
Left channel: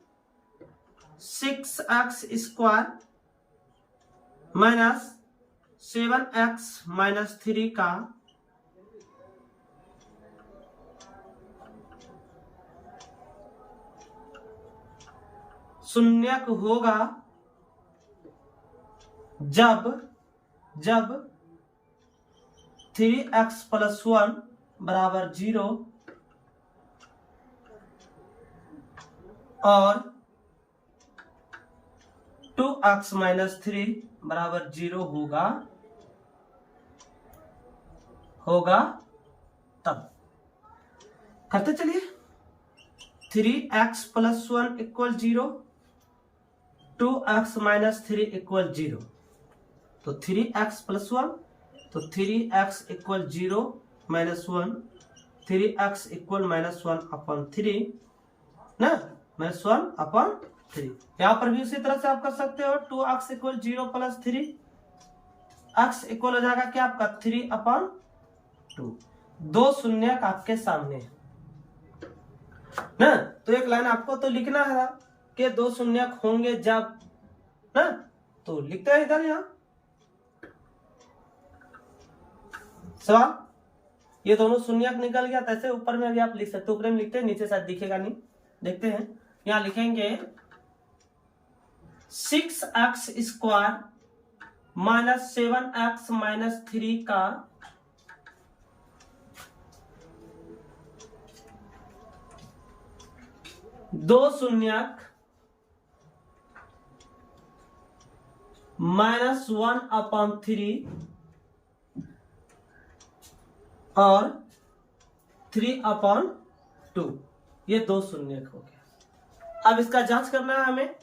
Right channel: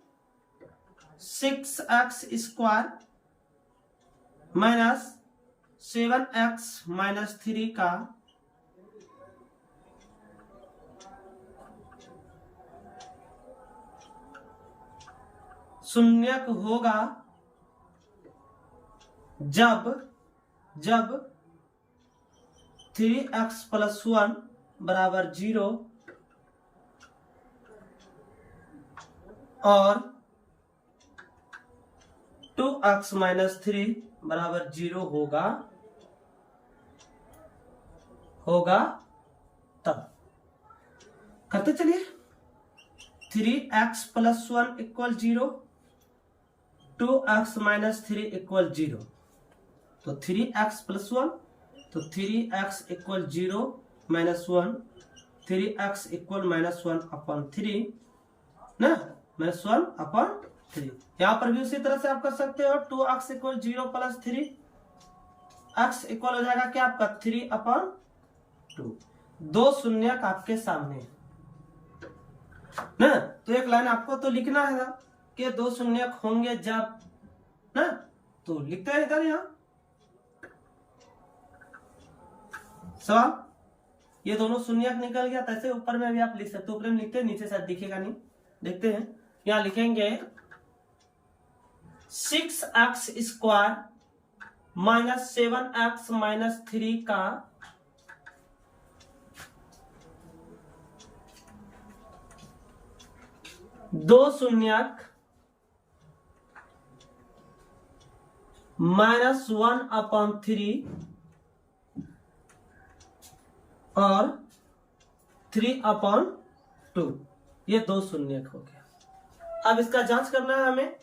6x² माइनस 7x माइनस 3 का शून्यक होगा जब 3x प्लस 1 बराबर 0 और 2x माइनस 3 बराबर 0 होगा तब। करते चलिए, 3x plus 1 equal 0, 2x minus 3 equal 0, तो 3x प्लस 1, तो 3x equal 0 minus 1, 3x equal minus 1 upon 3 ना, माइनस 1 अपॉन 3। यहां पर भी उसी तरह से आप कर सकते हो, 2x equal 0 plus 3, x equal हो जाएगा क्या आपका 3 अपॉन 2। दो शून्यक आपके सामने है ना, तो एक लाइन आपको तो लिखना है कि दो शून्यक होंगे जब ना, तो लिखते हैं इधर यहां सवाल। ये दोनों शून्यक निकल गया, तैसे ऊपर में भी आप लिख सकते हो, ऊपर में लिखते हैं, नीचे शायद दिखेगा नहीं, देखते हैं। यहां लिखेंगे 6x² माइनस 7x माइनस 3 का दो शून्यक माइनस 1 अपॉन 3 और 3 अपॉन 2, ये दो शून्यक हो गया। अब इसका जांच करना है हमें,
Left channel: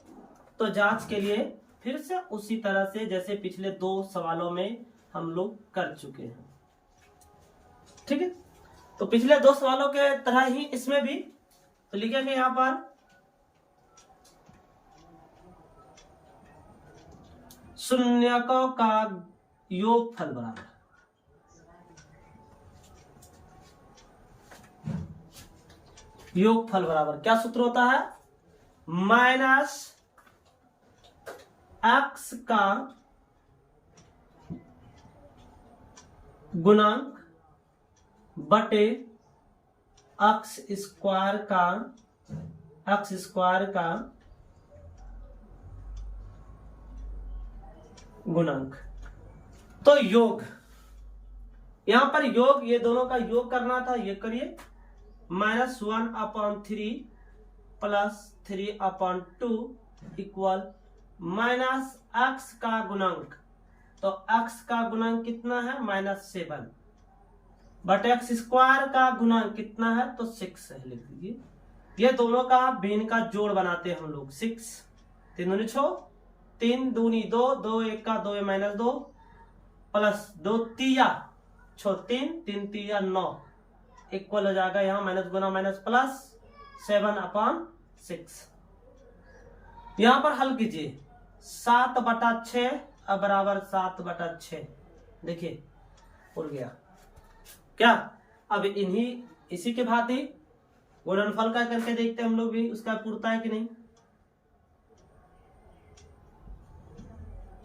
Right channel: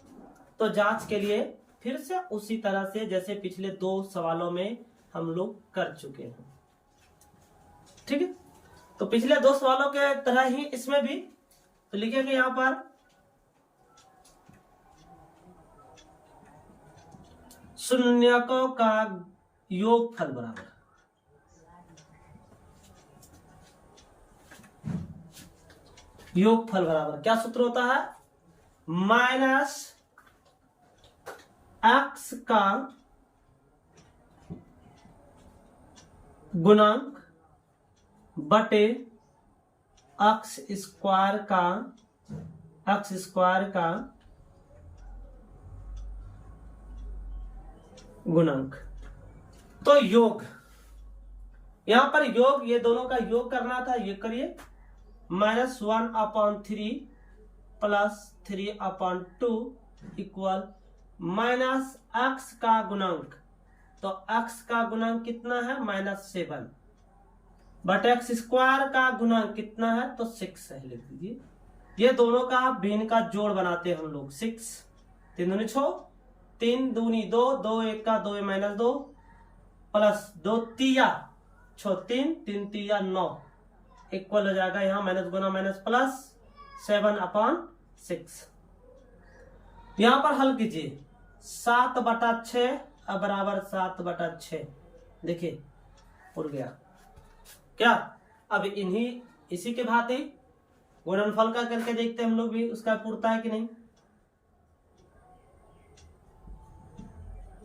तो जांच के लिए फिर से उसी तरह से जैसे पिछले दो सवालों में हम लोग कर चुके हैं। ठीक है, तो पिछले दो सवालों के तरह ही इसमें भी तो लिखेंगे यहां पर शून्यकों का योगफल बराबर क्या सूत्र होता है, माइनस x का गुणांक बटे x स्क्वायर का गुणांक। तो योग, यहां पर योग, ये दोनों का योग करना था, ये करिए, minus 1 upon 3 plus 3 upon 2 equal minus x का गुणांक, तो x का गुणांक कितना है -7 बट x स्क्वायर का गुणांक कितना है तो 6 है, लिख दीजिए। ये दोनों का भिन्न का जोड़ बनाते हैं हम लोग, 6 3 दूनी 6, 3 दूनी 2, 2 1 का 2 माइनस 2 प्लस 2 तिया 6 3 3 तिया 9 इक्वल हो जाएगा यहाँ माइनस गुना माइनस प्लस 7 अपॉन 6। यहां पर हल कीजिए, 7/6 बराबर 7/6, देखिए उड़ गया क्या। अब इसी के भांति गुणनफल का करके देखते हैं हम लोग भी, उसका पूरता है कि नहीं।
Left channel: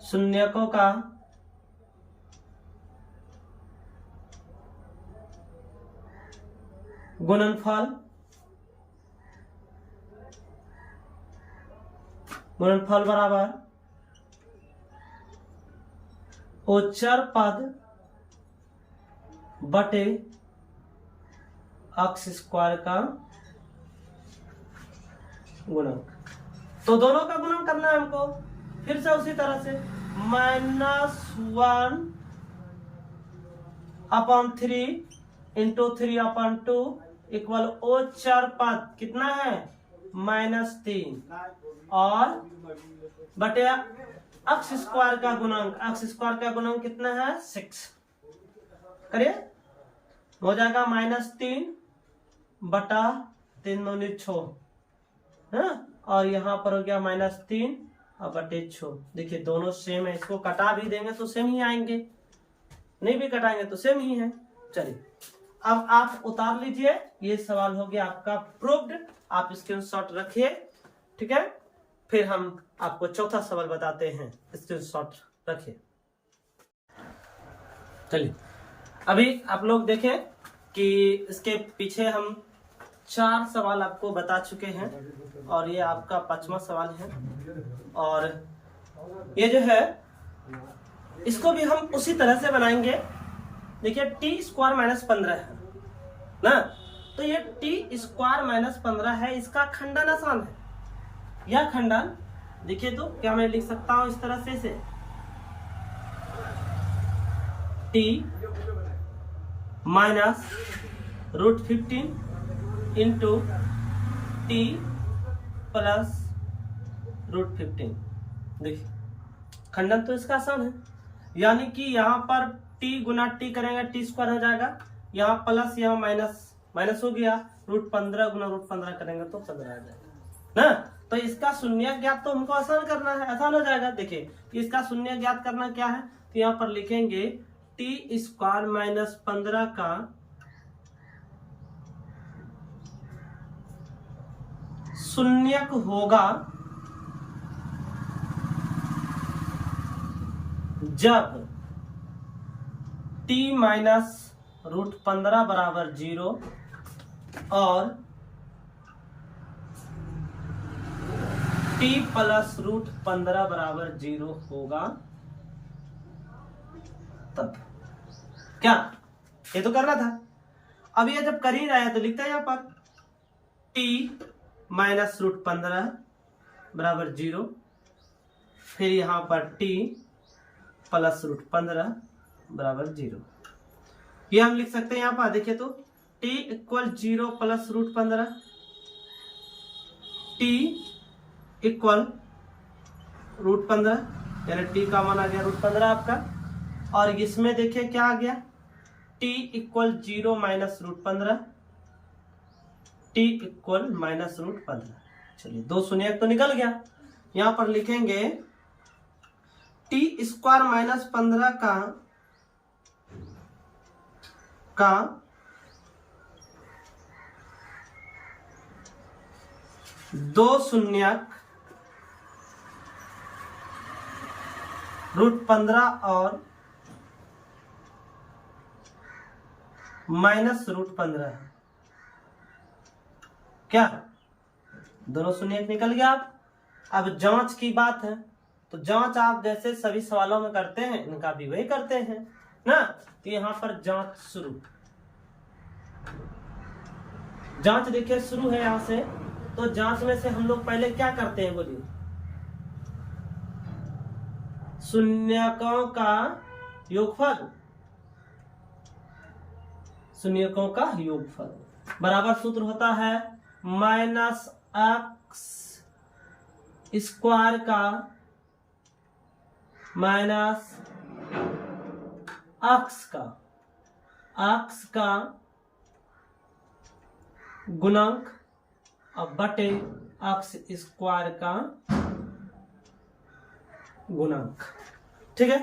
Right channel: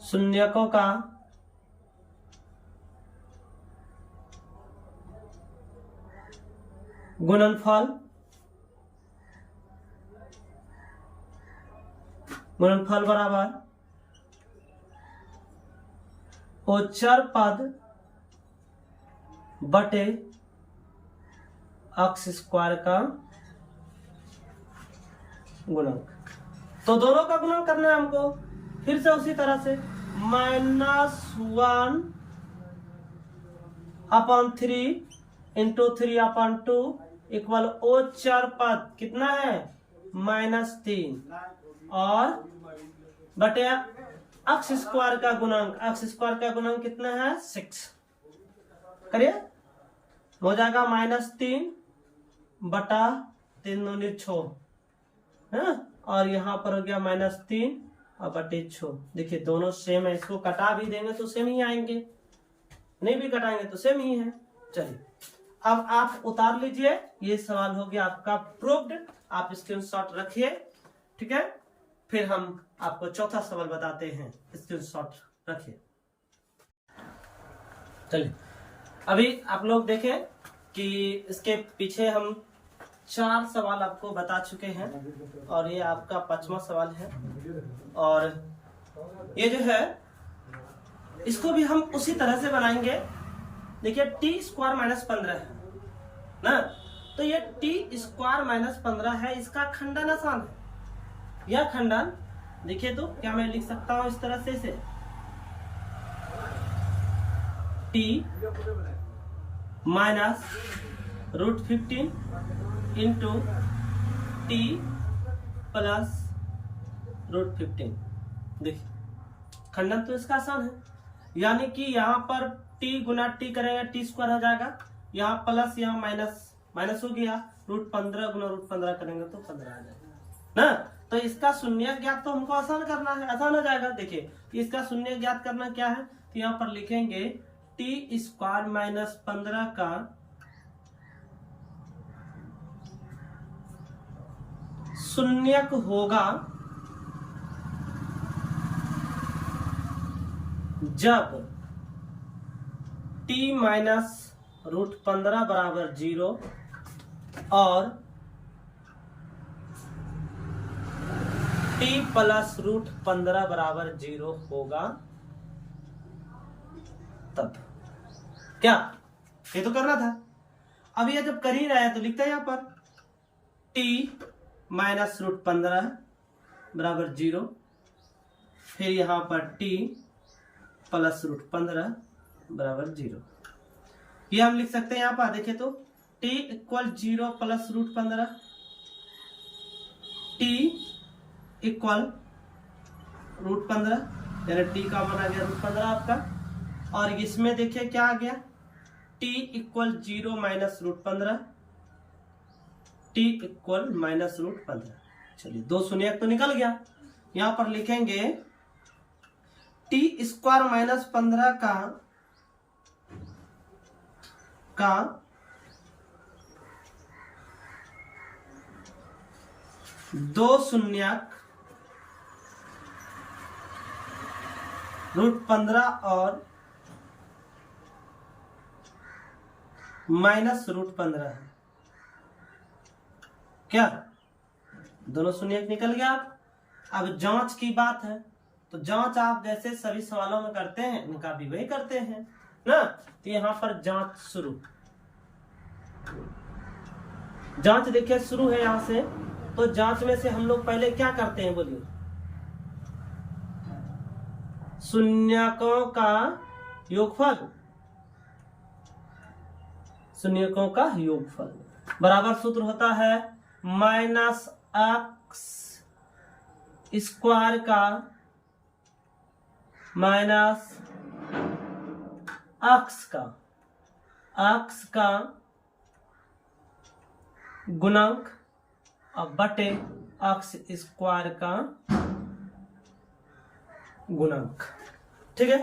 शून्यकों का गुणनफल बराबर ओचर पद बटे अक्स स्क्वायर का गुणक। तो दोनों का गुणन करना है हमको। फिर से उसी तरह से -1 अपॉन 3 इंटू 3 अपॉन 2 इक्वल ओचर पद कितना है -3 और बटे अक्स स्क्वायर का गुणांक। अक्स स्क्वायर का गुणांक कितना है 6। करिए, हो जाएगा -3 बटा 3 दूनी 6 है, और यहाँ पर हो गया -3 और बटे 6। देखिए दोनों सेम है, इसको कटा भी देंगे तो सेम ही आएंगे, नहीं भी कटाएंगे तो सेम ही है। चलिए अब आप उतार लीजिए, ये सवाल हो गया आपका प्रूव्ड। आप स्क्रीनशॉट रखिए, ठीक है। फिर हम आपको चौथा सवाल बताते हैं, स्क्रीनशॉट रखिए। चलिए अभी आप लोग देखें कि इसके पीछे हम 4 सवाल आपको बता चुके हैं और ये आपका 5वां सवाल है। और ये जो है इसको भी हम उसी तरह से बनाएंगे। देखिए t² -15 है ना, तो ये t² -15 है, इसका खंडन आसान है। यह खंडन देखिए तो क्या मैं लिख सकता हूं इस तरह से इसे t -√15 इंटू t प्लस √15। देखिए खंडन तो इसका आसान है, यानी कि यहाँ पर t गुना t करेंगे t² हो जाएगा, यहाँ प्लस यहाँ माइनस हो गया, √15 गुना √15 करेंगे तो 15 आ जाएगा ना। तो इसका शून्य ज्ञात तो हमको आसान करना है, आसान हो जाएगा। देखिए इसका शून्य ज्ञात करना क्या है, तो यहाँ पर लिखेंगे t² -15 का शून्यक होगा जब t -√15 बराबर 0 और t प्लस √15 बराबर 0 होगा तब। क्या ये तो करना था। अब ये जब कर ही रहा है तो लिखता है यहाँ पर t -√15 बराबर 0, फिर यहाँ पर t प्लस √15 बराबर 0। ये हम लिख सकते हैं यहाँ पर। देखिए तो t equal 0 plus √15, t equal √15, यानी t का मान आ गया √15 आपका। और इसमें देखिए क्या आ गया, t equal 0 minus √15, t equal -√15। चलिए दो शून्य तो निकल गया। यहां पर लिखेंगे t² -15 का दो शून्यक √15 और -√15 है। क्या दोनों शून्य निकल गया। अब जांच की बात है, तो जांच आप जैसे सभी सवालों में करते हैं, इनका भी वही करते हैं ना। तो यहां पर जांच शुरू, जांच देखिए शुरू है यहां से। तो जांच में से हम लोग पहले क्या करते हैं बोलिए, शून्यकों का योगफल, शून्यकों का योगफल बराबर सूत्र होता है -x स्क्वायर का माइनस x का गुणांक और बटे x स्क्वायर का गुणांक। ठीक है,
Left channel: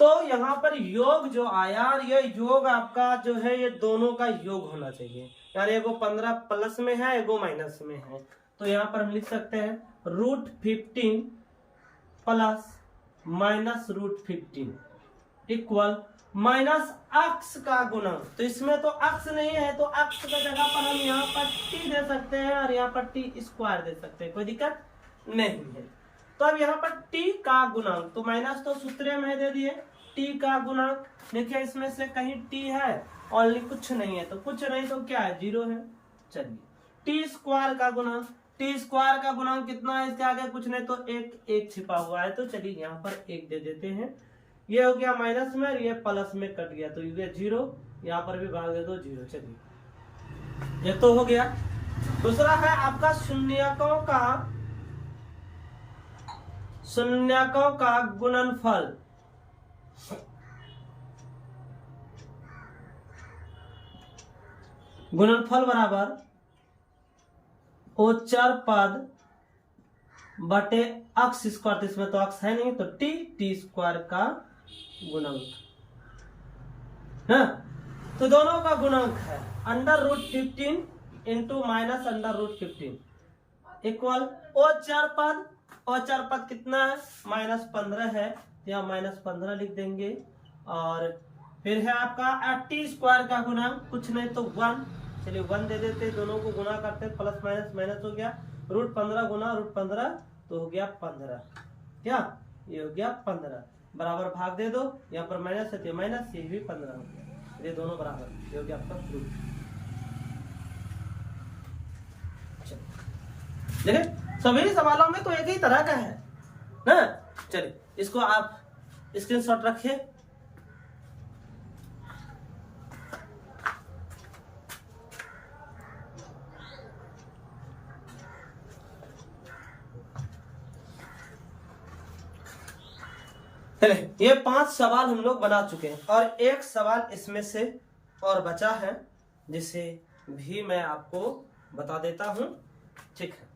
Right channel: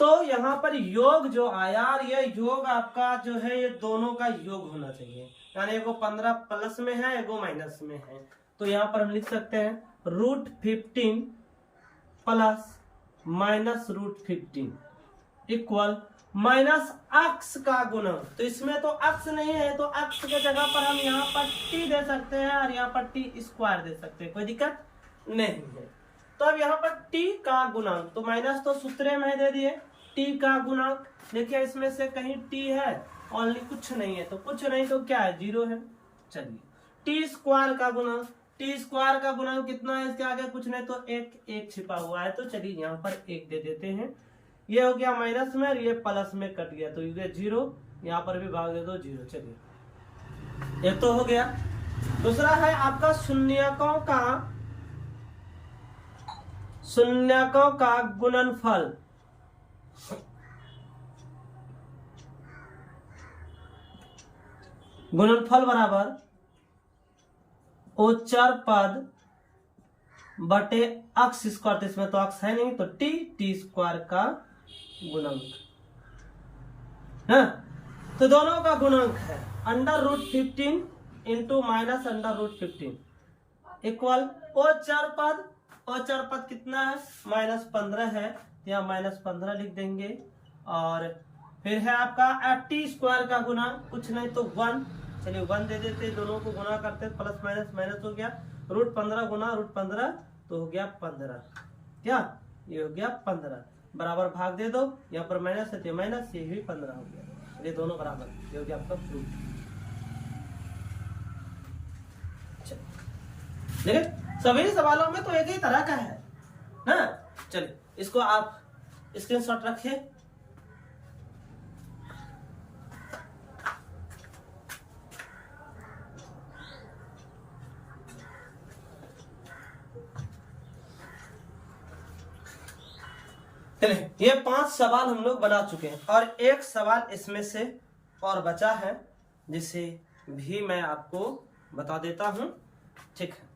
तो यहां पर योग जो आया, ये योग आपका जो है ये दोनों का योग होना चाहिए, यानी एगो 15 प्लस में है, एगो माइनस में है। तो यहां पर हम लिख सकते हैं √15 प्लस -√15 इक्वल माइनस अक्स का गुणक। तो इसमें तो अक्स नहीं है, तो अक्स के जगह पर हम यहाँ पर टी दे सकते हैं और यहाँ पर टी स्क्वायर दे सकते हैं, कोई दिक्कत नहीं है। तो अब यहाँ पर टी का गुणक, तो माइनस तो सूत्र में दे दिए, टी का गुणक देखिए इसमें से कहीं टी है और कुछ नहीं है, तो कुछ नहीं तो क्या है, 0 है। चलिए टी स्क्वायर का गुणक, टी स्क्वायर का गुणक कितना है, इसके आगे कुछ नहीं तो एक छिपा हुआ है, तो चलिए यहाँ पर 1 दे देते हैं। ये हो गया माइनस में और ये प्लस में कट गया, तो ये 0, यहाँ पर भी भाग दे दो 0। चलिए ये तो हो गया। दूसरा है आपका शून्यकों का गुणनफल। गुणनफल बराबर ओचर पद बटे अक्स स्क्वायर, तो इसमें तो अक्स है नहीं, तो टी स्क्वायर का गुणक है। तो दोनों का गुणक है √15 इंटू माइनस √15 इक्वल ओचर पद कितना है, -15 है, यहाँ -15 लिख देंगे। और फिर है आपका टी स्क्वायर का गुणक, कुछ नहीं तो 1, चलिए 1 दे देते, दोनों को गुणा करते, प्लस माइनस माइनस हो गया, √15 गुना √15 तो हो गया 15, क्या ये हो गया 15, बराबर भाग दे दो, यहाँ पर माइनस है तो माइनस, ये भी 15 हो गया, ये दोनों बराबर, ये हो गया आपका प्रूफ। देखिए सभी सवालों में तो एक ही तरह का है ना। चलिए इसको आप स्क्रीनशॉट रखिए। ये 5 सवाल हम लोग बना चुके हैं और एक सवाल इसमें से और बचा है, जिसे भी मैं आपको बता देता हूं, ठीक है।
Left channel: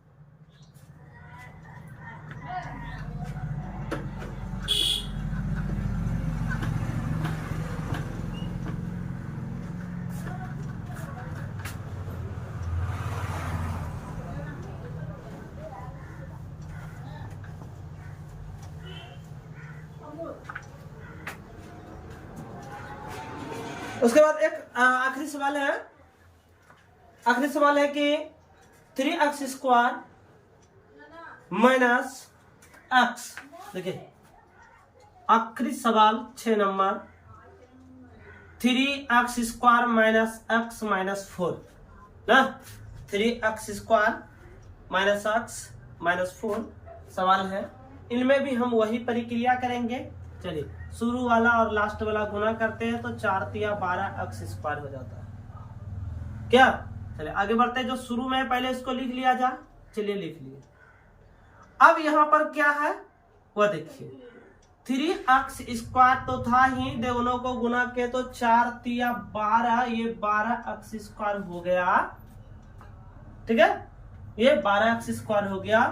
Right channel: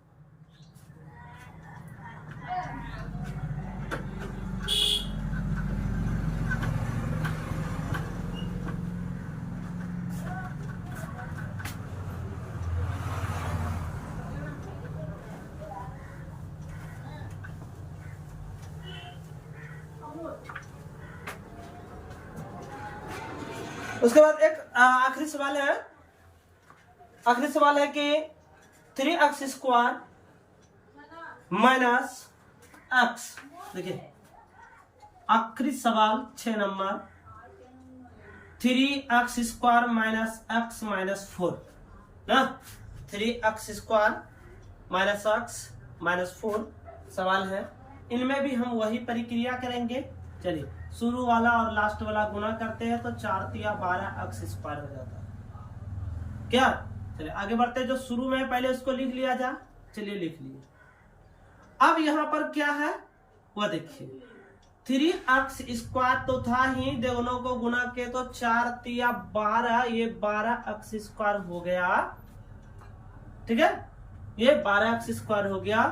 उसके बाद एक आखिरी सवाल है कि 3x² माइनस x, देखिए आखिरी सवाल 6 number, 3x² minus x minus 4 ना, 3x² माइनस x माइनस 4 सवाल है। इनमें भी हम वही प्रक्रिया करेंगे। चलिए शुरू वाला और लास्ट वाला गुना करते हैं तो 4 × 12x² हो जाता है, क्या। चलिए आगे बढ़ते हैं, जो शुरू में पहले इसको लिख लिया जाए, चलिए लिख लिए। अब यहाँ पर क्या है वो देखिए, 3x² तो था ही, दोनों को गुना के तो 4 × 12, ये 12x² हो गया, ठीक है, ये 12x² हो गया।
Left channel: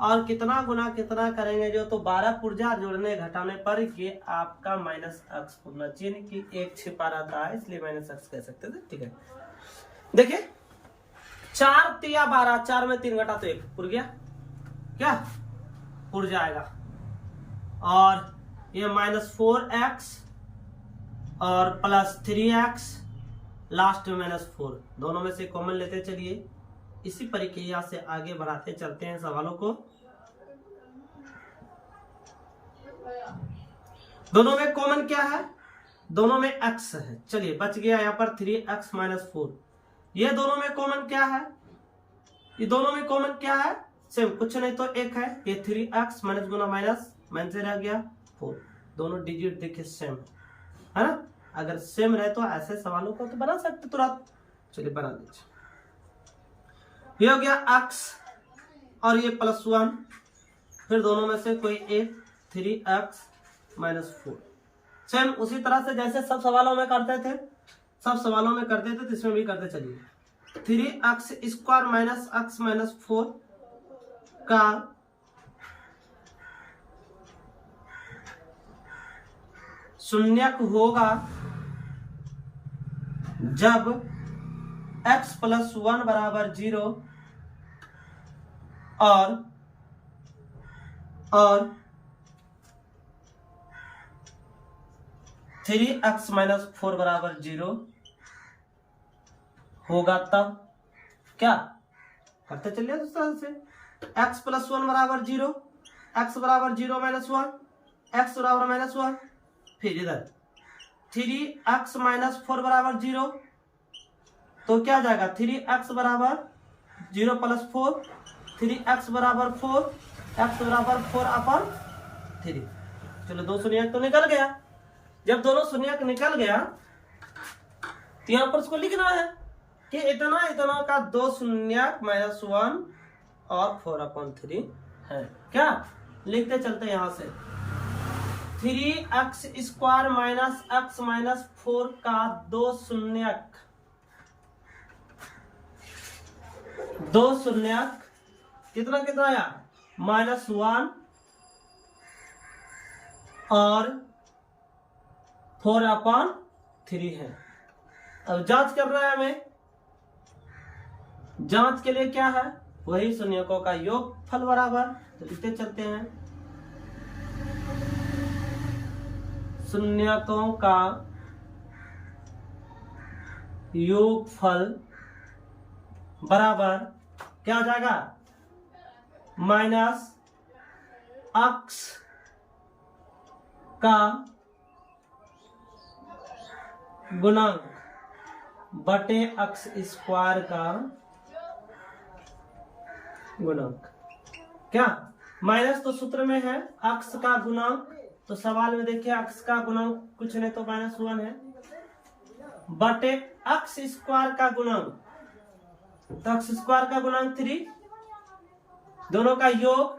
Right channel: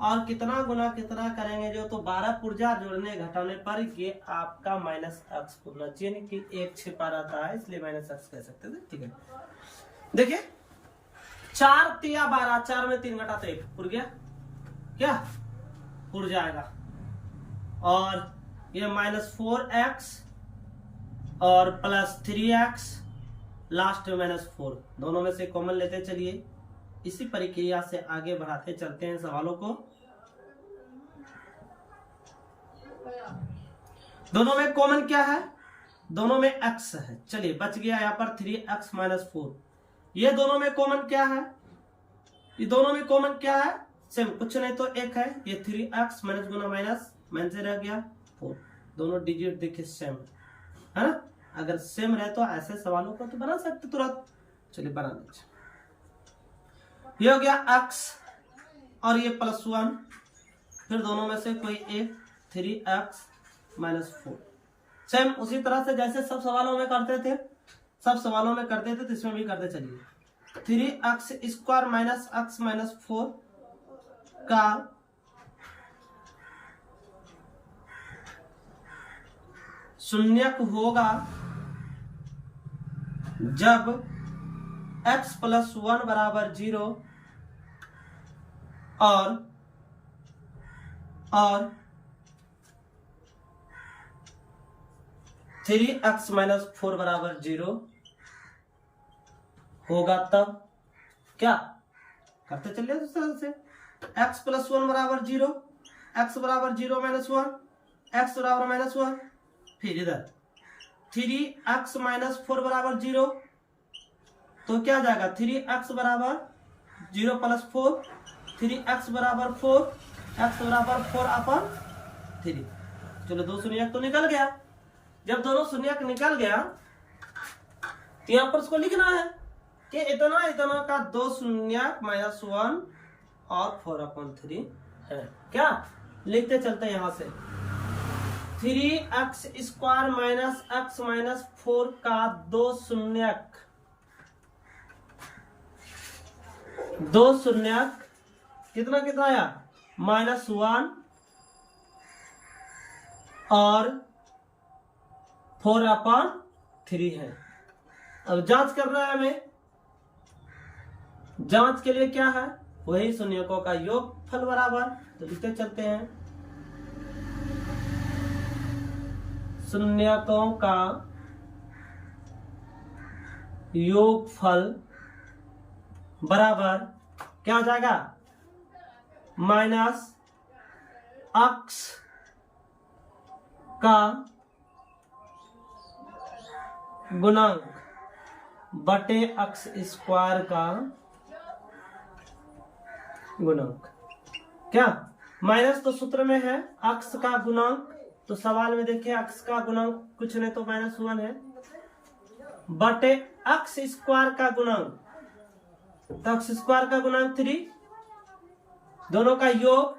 और कितना गुना कितना करेंगे, जो तो 12 पुर्जा जोड़ने घटाने पर ये आपका -x होना चाहिए, नहीं कि 1 छिपा रहता है इसलिए -x कह सकते थे, ठीक है। देखिए 4 × 12, 4 में 3 घटा तो 1 पुर गया, क्या पुर जाएगा। और ये -4x और प्लस 3x, लास्ट में -4, दोनों में से कॉमन लेते चलिए। इसी प्रक्रिया से आगे बढ़ाते चलते हैं सवालों को। दोनों में कॉमन क्या है, दोनों में x है, चलिए बच गया यहाँ पर 3x माइनस 4। ये दोनों में कॉमन क्या है, ये दोनों में कॉमन क्या है, सेम, कुछ नहीं तो 1 है, ये 3x माइनस गुना माइनस से रह गया 4, दोनों डिजिट देखिए सेम है ना। अगर सेम रहे तो ऐसे सवालों को तो बना सकते तुरंत, चलिए बना लीजिए। ये हो गया x और ये +1, फिर दोनों में से कोई एक, 3x माइनस 4, सेम उसी तरह से जैसे सब सवालों में करते थे, तो इसमें भी करते चलिए। 3x² माइनस x माइनस 4 का शून्यक होगा जब x + 1 = 0 और 3x माइनस 4 बराबर 0 होगा तब क्या करते चलिए उस तरह से। x प्लस 1 बराबर 0, x बराबर 0 माइनस 1, x बराबर माइनस 1, फिर इधर 3x माइनस 4 बराबर 0, तो क्या जाएगा 3x बराबर 0 प्लस 4, 3x बराबर 4, x बराबर 4/3। चलो दो शून्यक तो निकल गया। जब दोनों शून्यक निकल गया तो यहां पर उसको लिखना है कि इतना इतना का दो शून्यक माइनस 1 और 4/3 है। क्या लिखते चलते हैं यहां से 3x square minus x minus 4 का दो शून्यक कितना कितना आया -1 और 4/3 है। अब जांच कर रहा है हमें, जांच के लिए क्या है वही शून्यकों का योगफल बराबर, तो लिखते चलते हैं शून्यकों का योगफल बराबर क्या हो जाएगा माइनस x का गुणांक बटे x स्क्वायर का गुणांक। क्या माइनस तो सूत्र में है x का गुणांक, तो सवाल में देखिए x का गुणांक कुछ नहीं तो -1 है, बटे x स्क्वायर का गुणांक, तो x स्क्वायर का गुणांक 3, दोनों का योग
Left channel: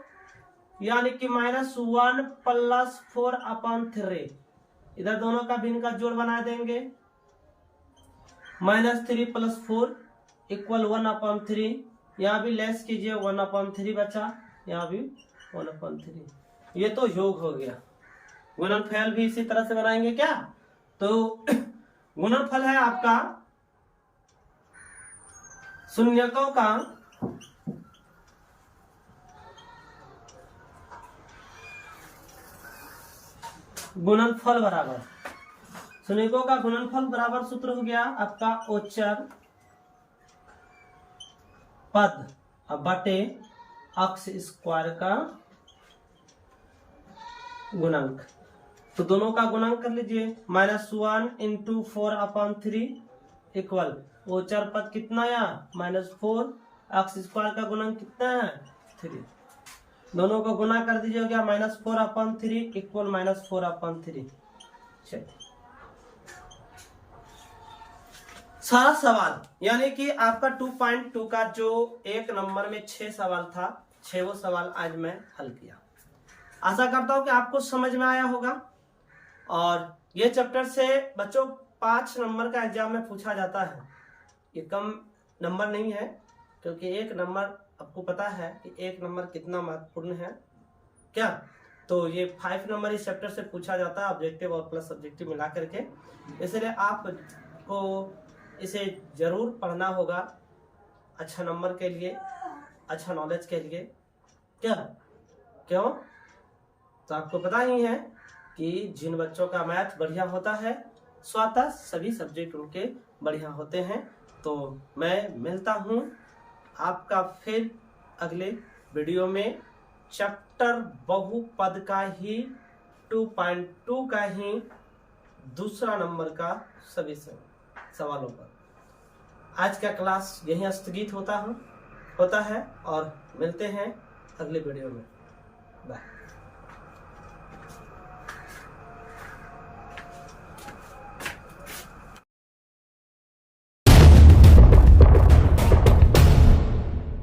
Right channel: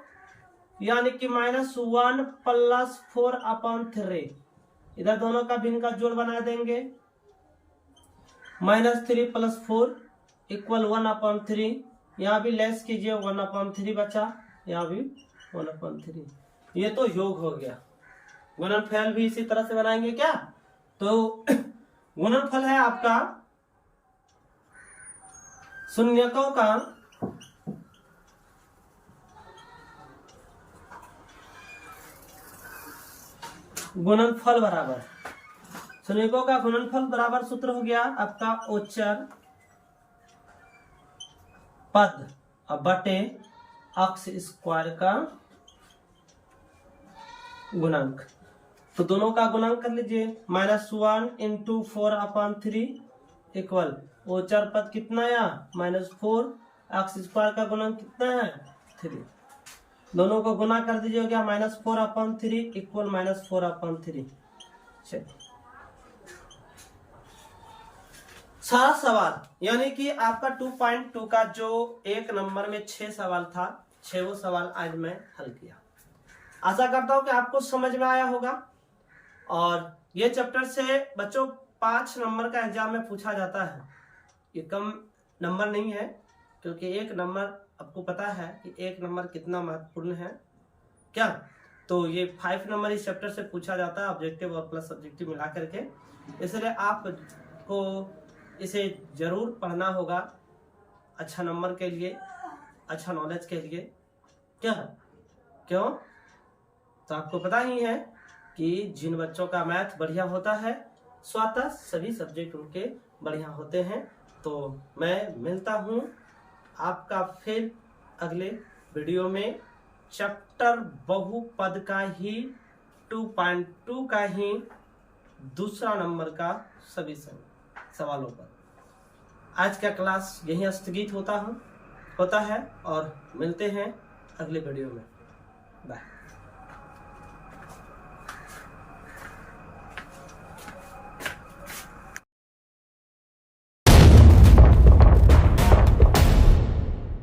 यानी कि -1 प्लस 4/3, इधर दोनों का भिन्न का जोड़ बना देंगे, -3 प्लस 4 इक्वल 1/3, यहाँ भी लेस कीजिए 1/3 बचा, यहाँ भी 1/3, ये तो योग हो गया। गुणनफल भी इसी तरह से बनाएंगे क्या, तो गुणनफल है आपका शून्यकों का गुणनफल बराबर, शून्यकों का गुणनफल बराबर सूत्र हो गया आपका ओचर पद बटे x स्क्वायर का गुणांक, तो दोनों का गुणांक कर लीजिए -1 × 4/3 इक्वल ओचर पद कितना आया -4, x स्क्वायर का गुणांक कितना है 3, दोनों को गुना कर दीजिए, हो गया -4/3 इक्वल -4/3। चलिए सारा सवाल यानी कि आपका 2.2 का जो एक नंबर में 6 सवाल था, 6 सवाल आज मैं हल किया। आशा करता हूं कि आपको समझ में आया होगा। और ये चैप्टर से बच्चों 5 नंबर का एग्जाम में पूछा जाता है, ये कम नंबर नहीं है, क्योंकि एक नंबर आपको पता है कि एक नंबर कितना महत्वपूर्ण है क्या, तो ये 5 नंबर इस चैप्टर से पूछा जाता है, ऑब्जेक्टिव और प्लस सब्जेक्टिव मिला करके, इसलिए आपको इसे जरूर पढ़ना होगा अच्छा नंबर के लिए, अच्छा नॉलेज के लिए। क्या क्यों, तो आपको पता ही है कि जिन बच्चों का मैथ बढ़िया होता है स्वतः सभी सब्जेक्ट उनके बढ़िया होते हैं। तो मैं मिलता हूँ आपका फिर अगले वीडियो में चैप्टर बहुपद का ही 2.2 का ही दूसरा नंबर का सभी सवालों पर। आज का क्लास यहीं स्थगित होता है और मिलते हैं अगले वीडियो में। बाय।